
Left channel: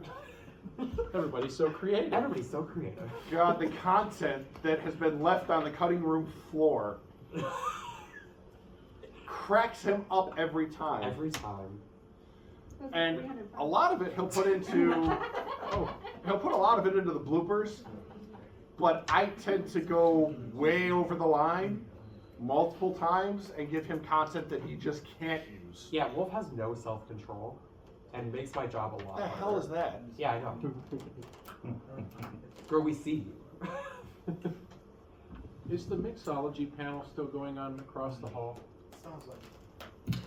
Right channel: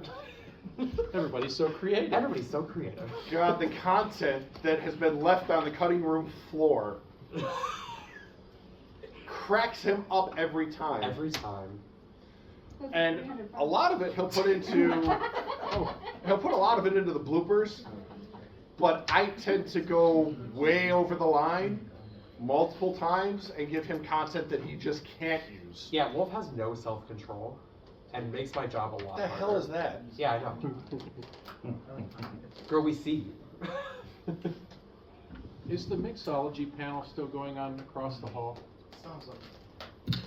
Everybody's so creative. Everybody's so creative. God, the content that has been left on the cutting room floor cracks him up every time. Every time. And a lot of it he'll put into he'll put a lot of it into the bloopers, but I tend to go way over the line multiple times and give him content that he just can't use. Yeah, Wolf has no self-control and makes my job a lot What the harder. hell is that? Yeah, I know. Girl, we see you. Is the mixology panel still going on across the hall? Sounds like.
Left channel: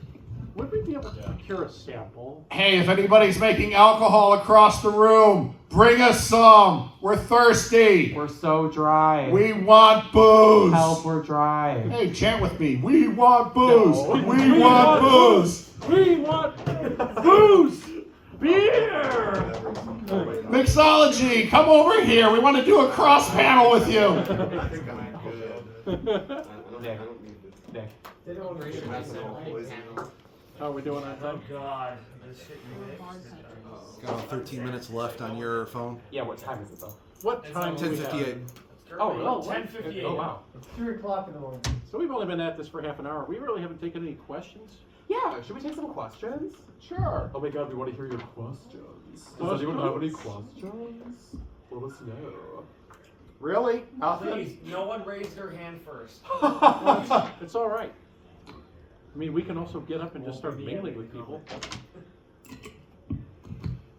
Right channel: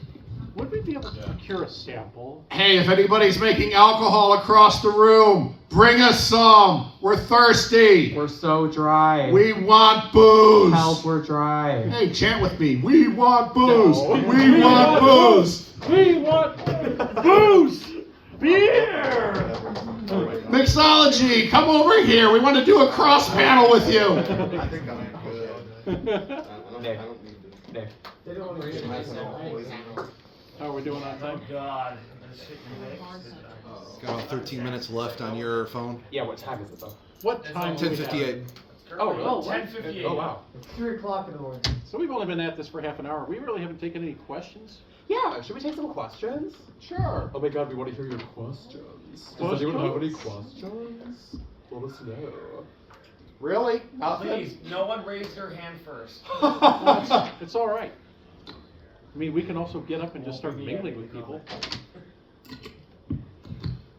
Would we be able to procure a sample? Hey, if anybody's making alcohol across the room, bring us some. We're thirsty. We're so dry. We want booze. Help, we're dry. Hey, chant with me. We want booze. No. We want booze. We want booze! Beer! Mixology, come over here. We want to do a cross panel with you. I think I'm good. Nick. Nick. They don't want to get How are we doing on time? God, this shit you mixed. Got 13 minutes left on your phone. Yeah, what time is it though? What time do we have? 10:58. Oh, really? 10:58. Oh, wow. 3 o'clock in the morning. So we've only been at this for half an hour. We really haven't taken any questions. Yeah, should we take some questions? Sure. Oh my god, we want to hear your questions. Does anyone have any questions? Let us know. Really? Nothing? Please, no one raised their hand first. It's all right. I mean, we can also get up and just start mingling with people.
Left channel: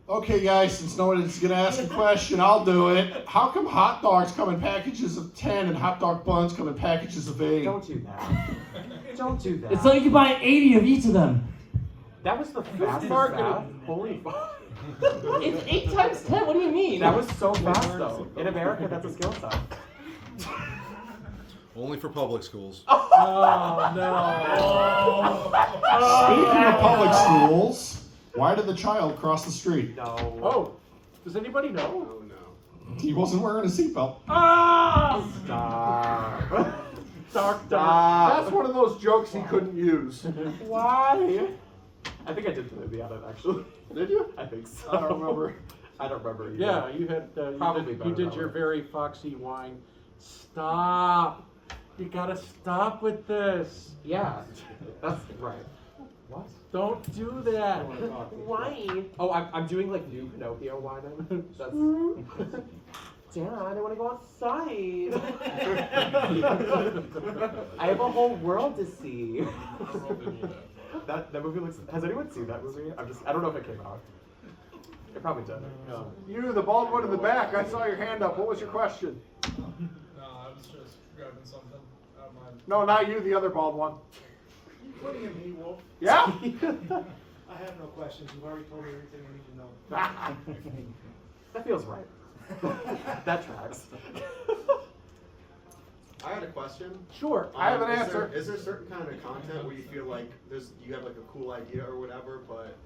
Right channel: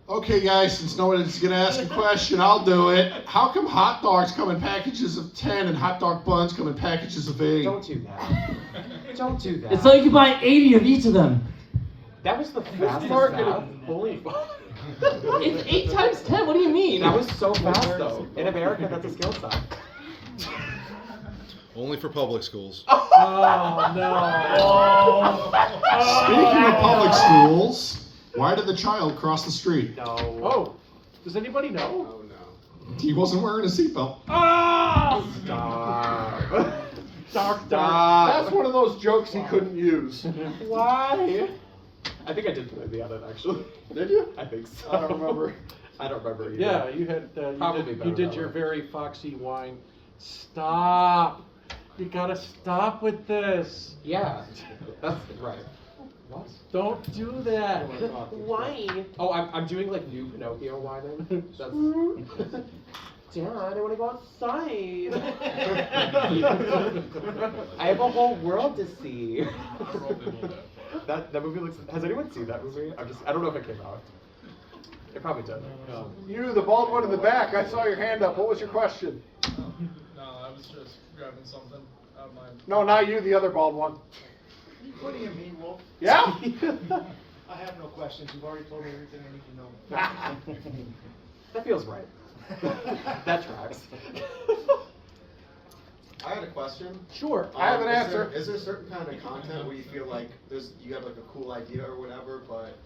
Okay, guys, since no one is going to ask a question, I'll do it. How come hot dogs come in packages of 10 and hot dog buns come in packages of 8? Don't do that. Don't do that. It's so you can buy 80 of each of them. That was the fastest marketing? math. Holy fuck. It's 8 times 10. What do you mean? That was so fast though. In America, that's a skill set. Only for public schools. Oh, no. Speaking of public schools, why did the child cross the street? No. Oh, does anybody know? He wasn't wearing a seatbelt. Ah! Stop. Dark. That's one of those jokes he couldn't use. Why? I think I did put it in the edit actually. Did you? I think so. I don't remember. I don't remember either. Yeah, you had Probably better you did that your way. very foxy whine. Stop! You gotta stop with this. Yeah. That's right. What? Don't do that. Why? Oh, I'm doing like new Pinocchio whining. That's. Dad, I want to go outside. I have a whole world to see. that movie looks. Has anyone seen that movie? I don't know if it came out. It probably did. You, the bald one in the back, I saw your hand up. What was your question? No, I was just grabbing something. No, not you, the other bald one. Putting in me, Wolf. Yeah? I have no questions. You've already told me everything I need to know. That feels right. That tracks. I had a question. Sure, I have an Is answer. Is there certain kind of content where you feel like you have like a cool idea or whatever, but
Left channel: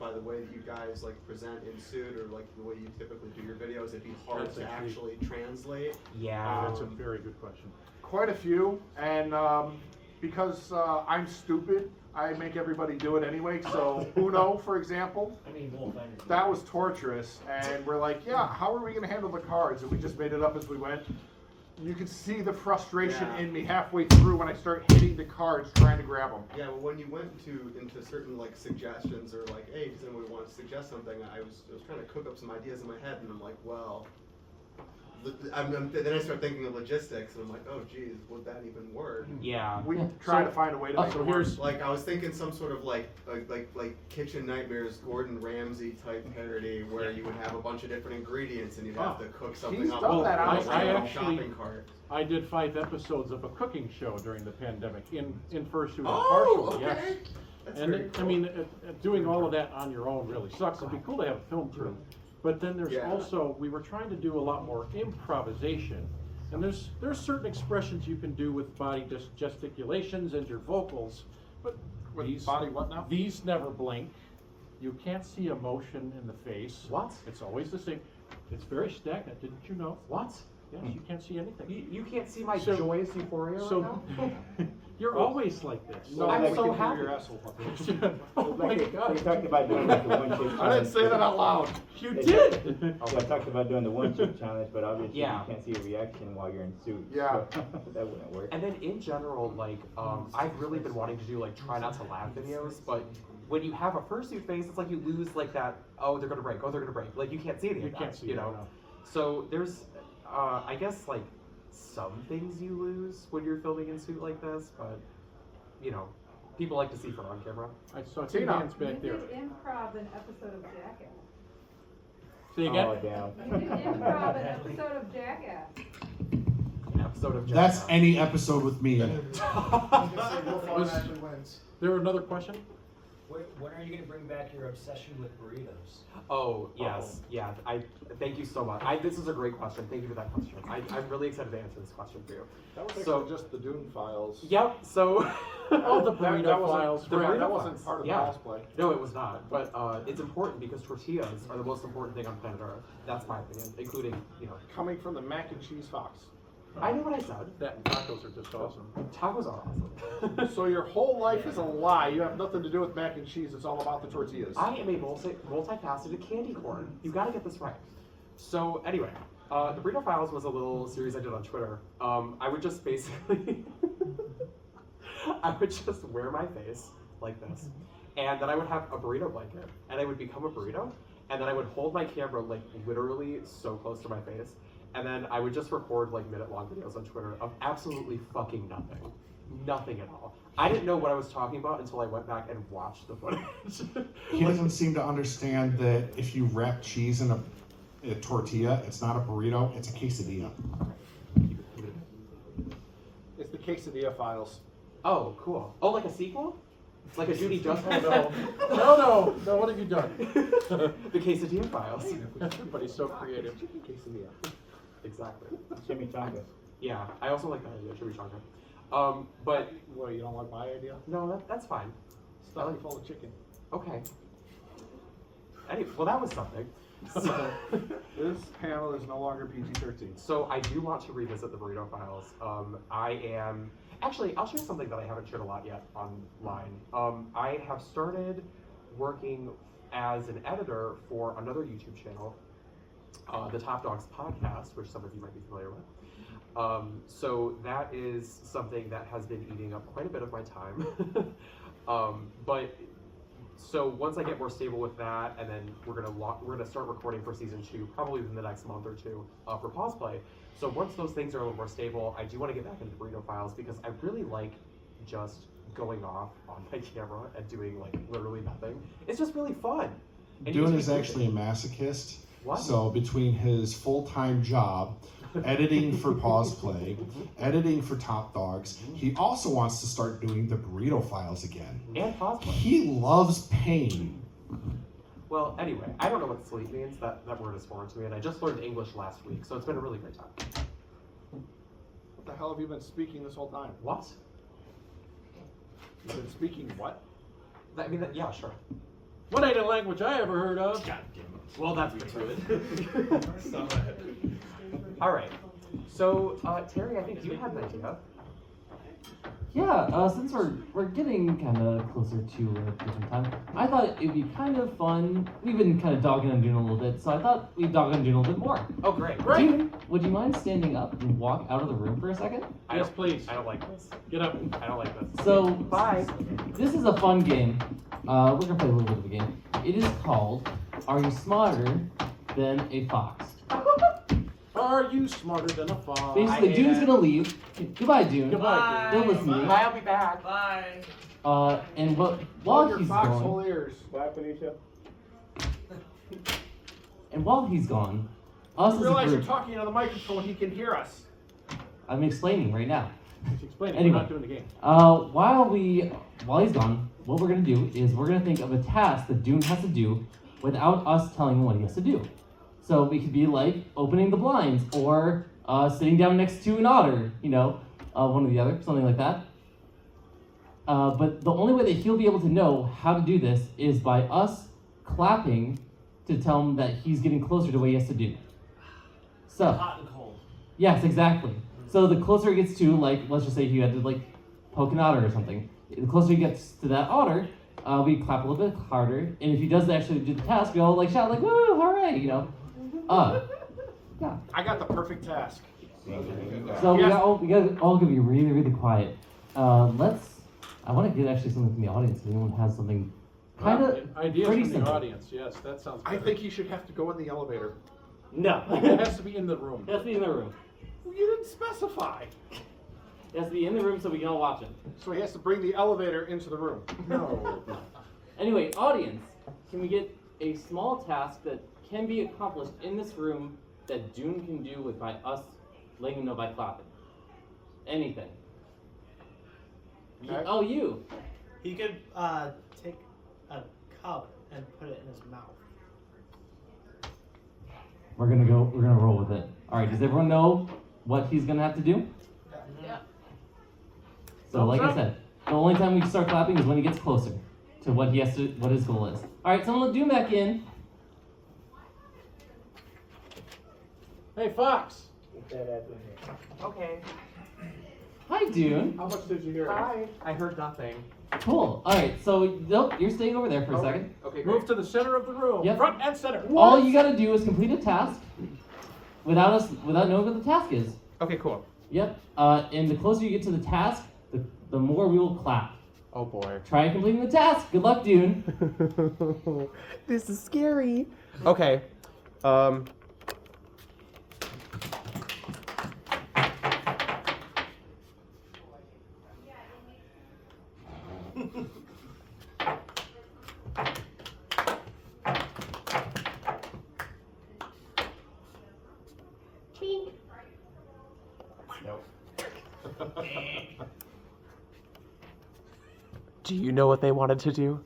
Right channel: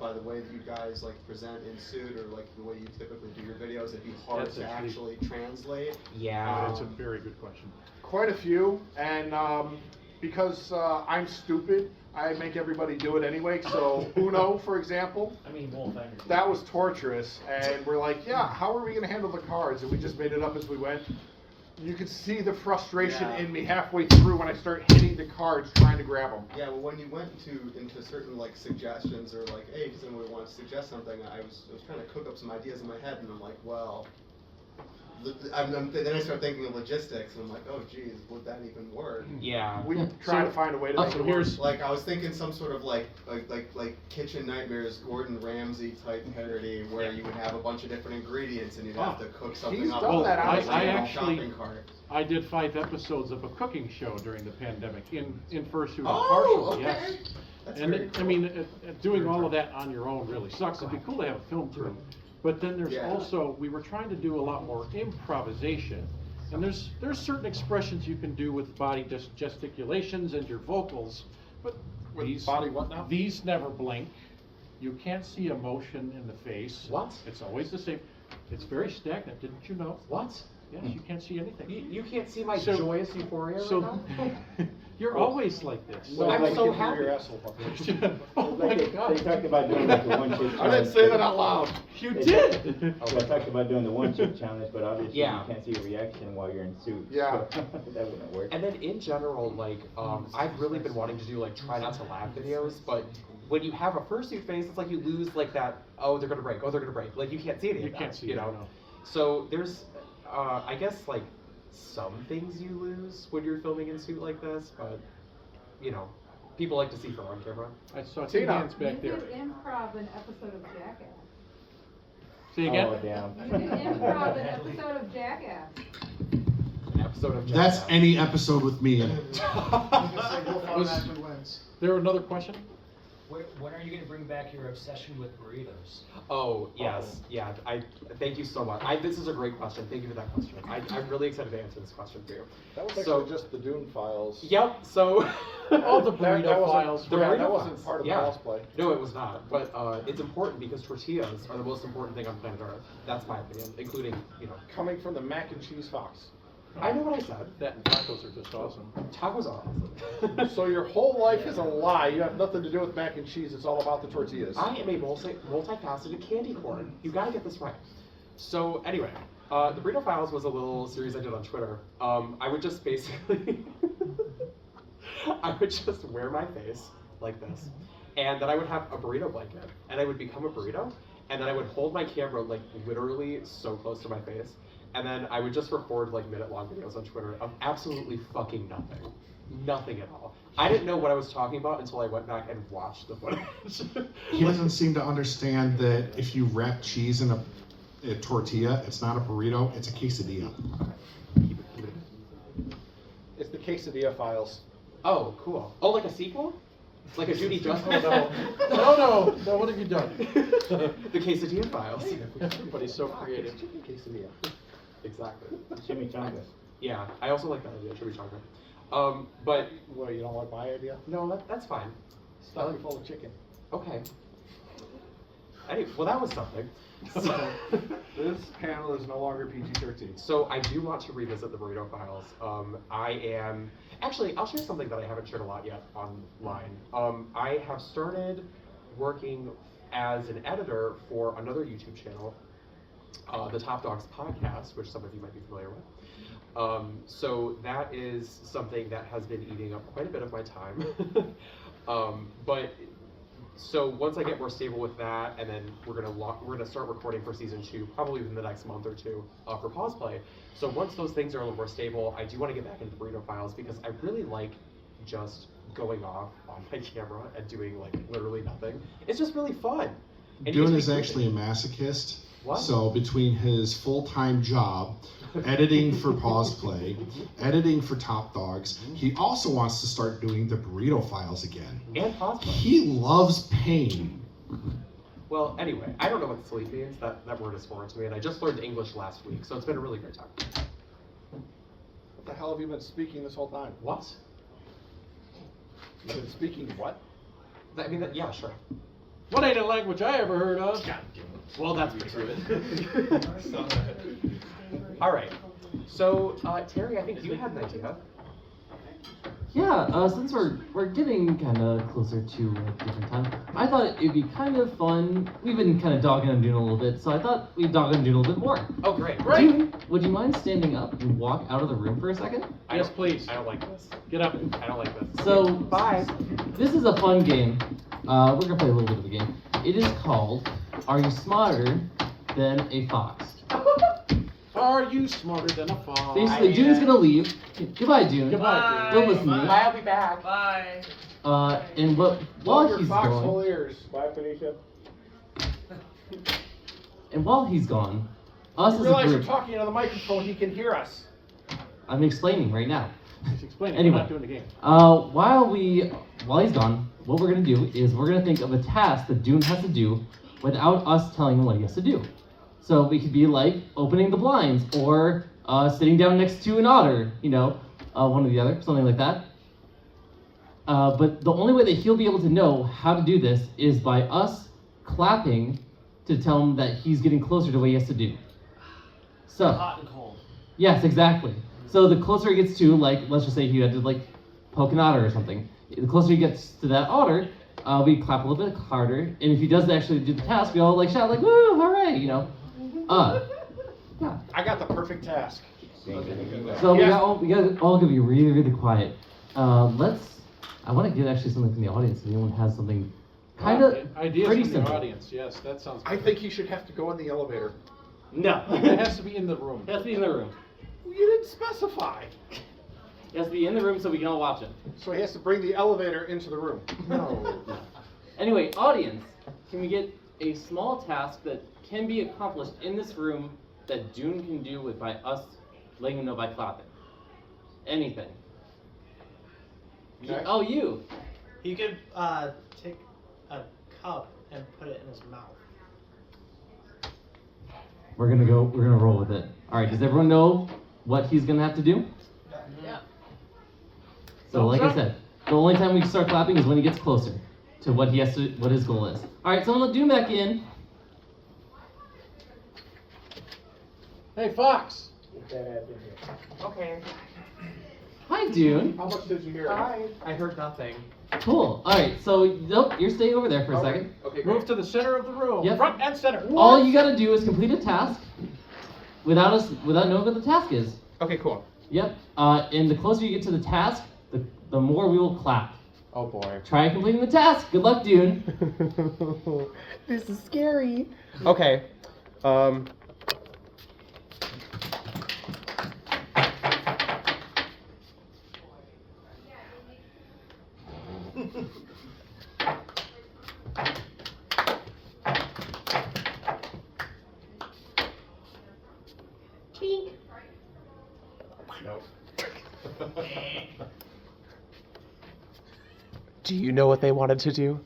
by the way that you guys like present in suit or like the way you typically do your videos, it'd be hard That's to actually translate? Yeah. That's a very good question. Quite a few, and because I'm stupid, I make everybody do it anyway. So Uno, for example, I mean, Wolf, I understand. that was torturous, and we're like, yeah, how are we gonna handle the cards? And we just made it up as we went. You could see the frustration Yeah. in me halfway through when I start hitting the cards trying to grab them. Yeah, well, when you went into certain like suggestions or like, hey, does anybody want to suggest something? I was trying to cook up some ideas in my head, and I'm like, well, then I start thinking of logistics, and I'm like, oh, geez, would that even work? Yeah. We try to find a way to make so it work. here's Like I was thinking some sort of like Kitchen Nightmares Gordon Ramsay type parody where you would have a bunch of different ingredients and you'd have to cook something he's up. done that, I honestly. I in a actually shopping cart. I did 5 episodes of a cooking show during the pandemic in fursuit and Oh, partial. okay. Yes. That's And very I cool. mean, doing all of that on your own really sucks. It'd be cool to have a film crew. But then there's Yeah. also, we were trying to do a lot more improvisation. And there's certain expressions you can do with body gesticulations and your vocals, but With these body what now? These never blink. You can't see emotion in the face. What? It's always the same. It's very stagnant, didn't you know? What? Yes, you can't see anything. You can't see my So- joyous euphoria right So, now? you're always like this. No, I'm like so you can happy. hear your asshole. Oh my They God. talked about doing like the one chip challenge. I didn't say that out loud. You They did. I talked about doing the one chip challenge, but obviously Yeah. you can't see a reaction while you're in suit. Yeah. So that wouldn't work. And then in general, like, I've really been wanting to do like try not to laugh videos, but when you have a fursuit face, it's like you lose like that, oh, they're gonna break, oh, they're gonna break. Like you can't see any You of that, can't see you it, know? no. So there's, I guess like some things you lose when you're filming in suit like this, but, you know, people like to see fur on camera. I saw 2 Tina. hands back there. You did improv an episode of Jackass. Say again? Oh, damn. You did improv an episode of Jackass. An episode of That's Jackass. any episode with me in it. I was gonna say, Wolf automatically wins. There another question? When are you going to bring back your obsession with burritos? Oh, yes, yeah, thank you so much. This is a great question, thank you for that question. I'm really excited to answer this question for you. That was So- actually just the Dune files. Yep, so. Oh, the That burrito wasn't- files. The yeah, burrito that wasn't files, part of yeah. Paws play. No, it was not, but it's important because tortillas are the most important thing on planet Earth. That's my opinion, including, you know. Coming from the mac and cheese fox. I know what I said. That and tacos are just awesome. Tacos are awesome. So your whole life is a lie. You have nothing to do with mac and cheese. It's all about the tortillas. I am a multifaceted candy corn. You gotta get this right. So anyway, the Burrito Files was a little series I did on Twitter. I would just basically, I would just wear my face like this, and then I would have a burrito blanket, and I would become a burrito, and then I would hold my camera like literally so close to my face, and then I would just record like minute-long videos on Twitter of absolutely fucking nothing. Nothing at all. I didn't know what I was talking about until I went back and watched the footage. He doesn't seem to understand that if you wrap cheese in a tortilla, it's not a burrito, it's a quesadilla. It's the quesadilla files. Oh, cool. Oh, like a sequel? Like a Judy Justice? Oh, no, what have you done? The Quesadilla Files. Everybody's so creative. Chicken quesadilla. Exactly. Chimichanga. Yeah, I also like that idea, chimichanga. But Well, you don't like my idea? no, that's fine. Stuff you full of chicken. Okay. Anyway, well, that was something. This panel is no longer PG-13. So I do want to revisit the Burrito Files. Actually, I'll share something that I haven't shared a lot yet online. I have started working as an editor for another YouTube channel, the Top Dogs Podcast, which some of you might be familiar with. So that is something that has been eating up quite a bit of my time. So once I get more stable with that, and then we're gonna start recording for season 2, probably within the next month or 2, for Paws Play. So once those things are a little more stable, I do want to get back into the Burrito Files because I really like just going off on my camera and doing like literally nothing. It's just really fun. And you Dune get is to be actually a masochist. What? So between his full-time job, editing for Paws Play, editing for Top Dogs, he also wants to start doing the burrito files again. And Paws Play. He loves pain. Well, anyway, I don't know what sleep means. That word is foreign to me, and I just learned English last week, so it's been a really great time. What the hell have you been speaking this whole time? What? You've been speaking what? I mean, yeah, sure. What ain't a language I ever heard of? Well, that's pretty good. All right. So, Terry, I think you had an idea. Yeah, since we're getting kind of closer to a different time, I thought it'd be kind of fun. We've been kind of dogging on Dune a little bit, so I thought we'd dog on Dune a little bit more. Oh, great. Dune, would you mind standing up and walk out of the room for a second? Yes, please. I don't like this. Get up. I don't like this. So, Bye. This is a fun game. We're gonna play a little bit of a game. It is called Are You Smarter Than a Fox? Are you smarter than a fox? Basically, Dune's gonna leave. Goodbye, Dune. Goodbye, Don't listen to me. I'll be back. Bye. And while your he's foxhole gone, ears. Bye, Felicia. and while he's gone, us You as a realize you're group, talking into the microphone, he can hear us. I'm explaining right now. He's explaining. Anyway. We're not doing the game. While he's gone, what we're gonna do is we're gonna think of a task that Dune has to do without us telling him what he has to do. So we could be like opening the blinds or sitting down next to an otter, one or the other, something like that. But the only way that he'll be able to know how to do this is by us clapping to tell him that he's getting closer to what he has to do. So, Hot and cold. yes, exactly. So the closer he gets to, like, let's just say he had to, like, poke an otter or something. The closer he gets to that otter, we clap a little bit harder. And if he does actually do the task, we all, like, shout, like, woo, hooray, Yeah. I got the perfect task. So Yes. we got all gonna be really, really quiet. I want to get actually something from the audience. If anyone has something kind of Ideas pretty from the simple. audience. Yes, that sounds I better. think he should have to go in the elevator. No. It has to be in the room. It has to be in the room. Well, you didn't specify. It has to be in the room so we can all watch it. So he has to bring the elevator into the room. No. Anyway, audience, can we get a small task that can be accomplished in this room that Dune can do by us letting him know by clapping? Anything. Okay. Oh, you. He could take a cup and put it in his mouth. We're gonna roll with it. Alright, does everyone know what he's gonna have to do? Yeah. So like I Thumbs up. said, the only time we can start clapping is when he gets closer to what his goal is. Alright, someone let Dune back in. Hey, Fox. Okay. Hi, Dune. How much did you hear? Hi. I heard nothing. Cool. Alright, so nope, you're staying over there for a second. Okay, great. Move to the center of the room. Yep. Front and center. All you gotta do is complete a task without knowing what the task is. Okay, cool. Yep. And the closer you get to the task, the more we will clap. Oh boy. Try completing the task. Good luck, Dune. This is scary. Okay. Do you know what they wanted to do?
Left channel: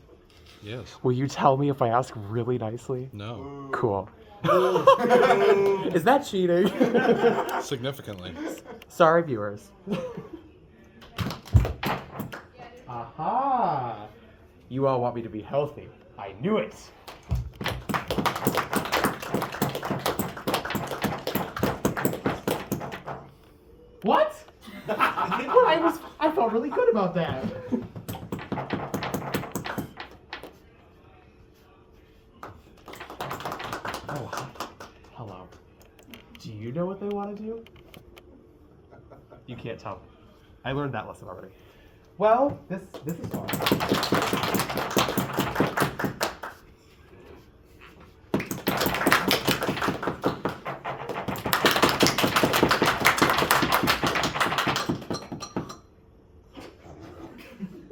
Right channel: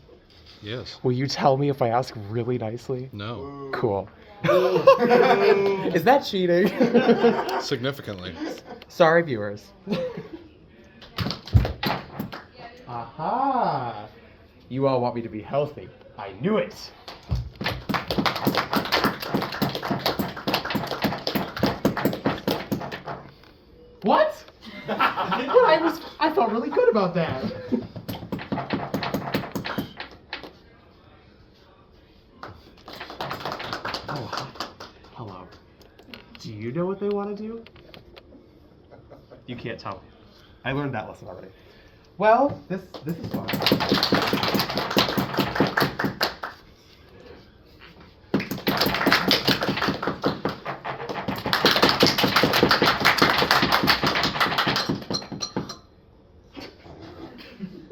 Yes. Will you tell me if I ask really nicely? No. Cool. Is that cheating? Significantly. Sorry, viewers. Aha! You all want me to be healthy. I knew it. What? I felt really good about that. Oh, hello. Do you know what they want to do? You can't tell me. I learned that lesson already. Well, this is fun.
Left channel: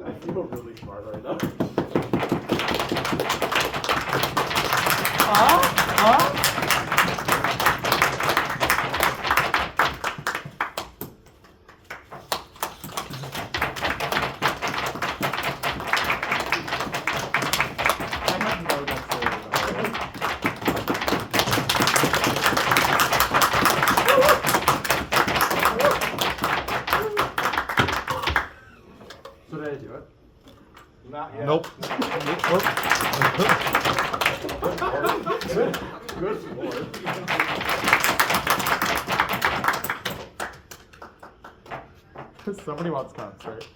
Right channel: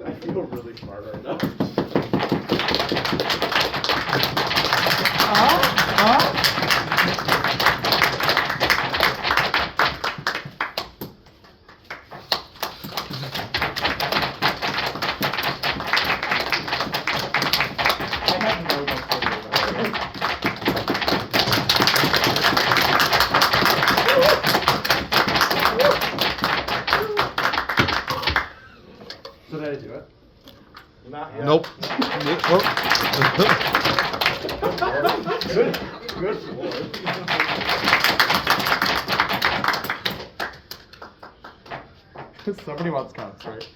I feel really smart right now. do it? Not yet. Nope. Good lord. Somebody wants cups, right?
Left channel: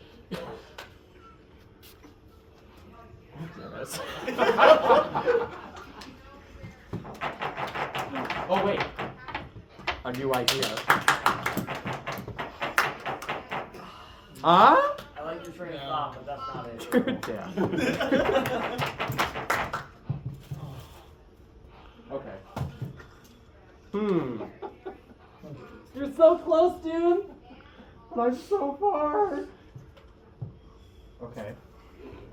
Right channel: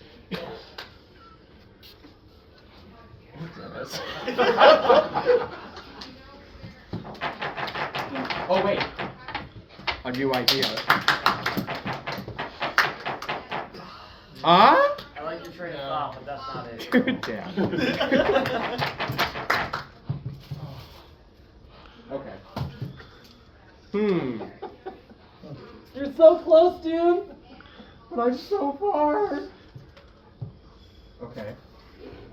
Oh wait, a new idea. Huh? I like your train of thought, but that's not it. Good damn. Okay. You're so close, dude. But I'm so far. Okay.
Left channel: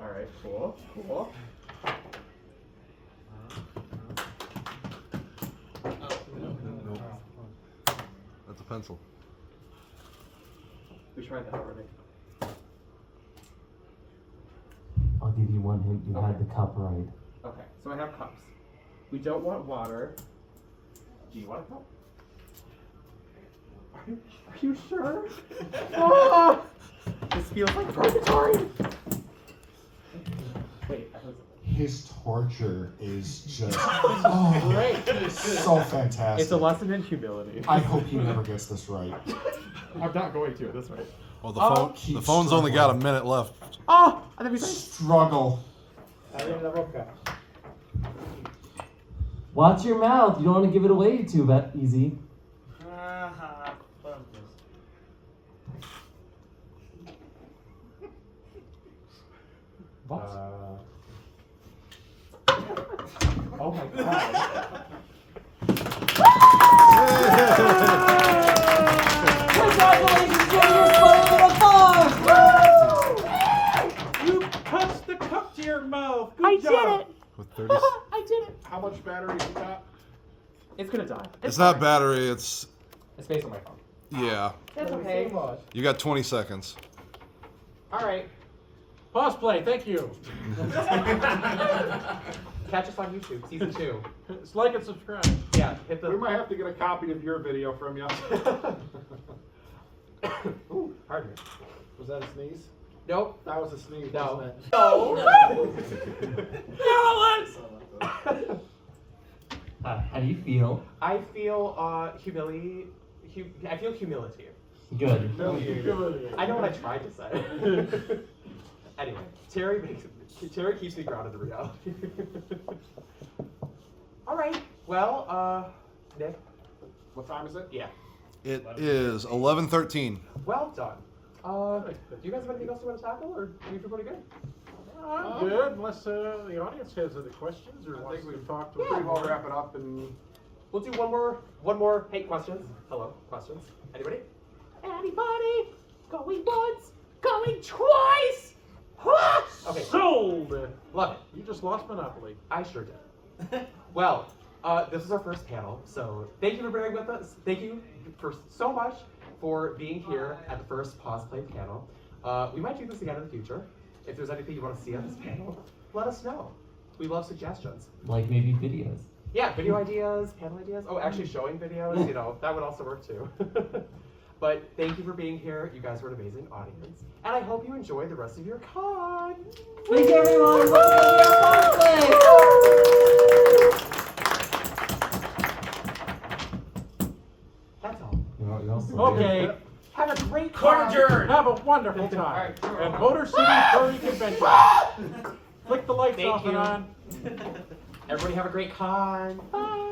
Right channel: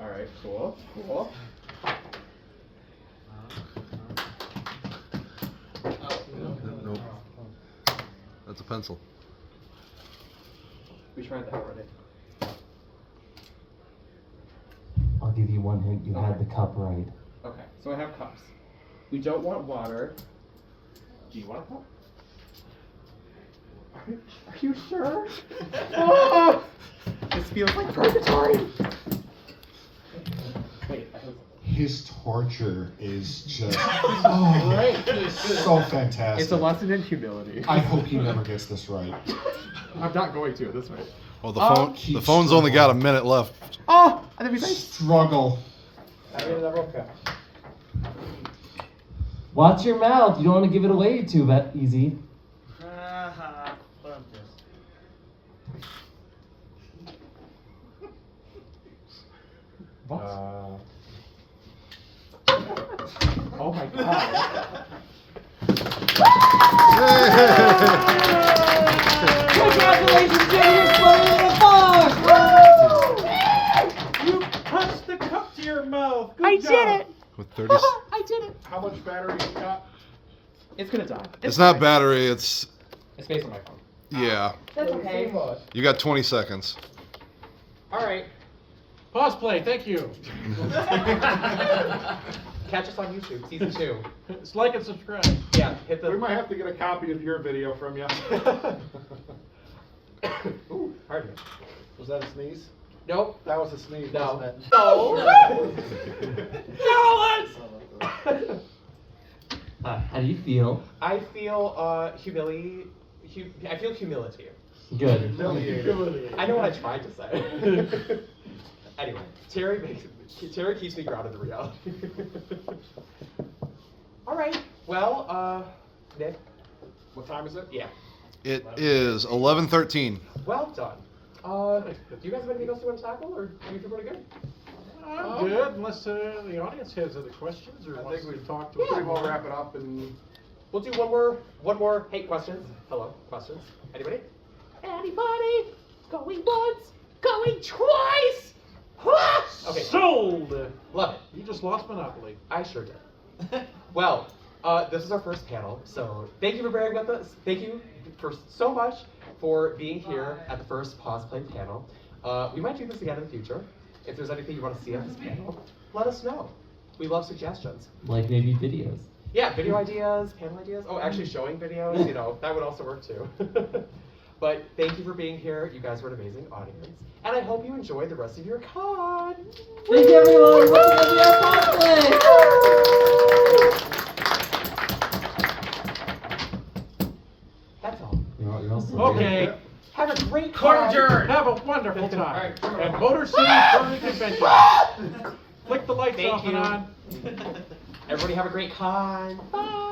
All right. Cool. Cool. Nope. That's a pencil. We tried that already. I'll give you one hint. You had the cup right. Okay. So I have cups. We don't want water. Do you want a cup? Are you sure? Ah! This feels like purgatory. Wait. His torture is just Great. so fantastic. It's a lesson in humility. I hope he never gets this right. I'm not going to this way. Oh, the phone's only got a minute left. Oh, I think we say Struggle. I need another cup. Watch your mouth. You don't want to give it away too easy. What? Oh my god. Congratulations, Jay! You're playing the box! You touched the cup to your mouth. Good I job. did it. With 30. I did it. How much battery you got? It's gonna die. It's not battery. It's It's based on my phone. yeah. That's okay. You got 20 seconds. All right. Pause play, thank you. Catch us on YouTube, season 2. It's like and subscribe. Yeah, hit We the. might have to get a copy of your video from you. Ooh, pardon me. Was that a sneeze? Nope. That was a sneeze, No. wasn't it? No. How do you feel? I feel humility. I feel humility. Good. Humiliated. I know what I tried to say. Anyway, Terry keeps me grounded in reality. All right. Well, Nick. What time is it? Yeah. It is 11:13. Well done. Do you guys have anything else you want to tackle, or do you feel pretty good? I'm good, unless the audience has other questions or I wants think to we talk to pretty us. well wrap it up and We'll do one more. Hey, questions. Hello, questions. Anybody? Anybody? Going once, going twice. Okay. Sold! Love it. You just lost Monopoly. I sure did. Well, this is our first panel, so thank you for bearing with us. Thank you for so much for being here at the first Paws Play panel. We might do this again in the future. If there's anything you want to see on this panel, let us know. We love suggestions. Like maybe videos. Yeah, video ideas, panel ideas. Oh, actually showing videos, that would also work too. But thank you for being here. You guys were an amazing audience. And I hope you enjoy the rest of your con. Thank you, everyone. Welcome to your Paws Play. That's all. You're all so Okay. Have a great Court con. adjourned. Have a wonderful time All right, at Motor City Furry Convention. Flick the lights Thank off and you. on. Everybody have a great con. Bye.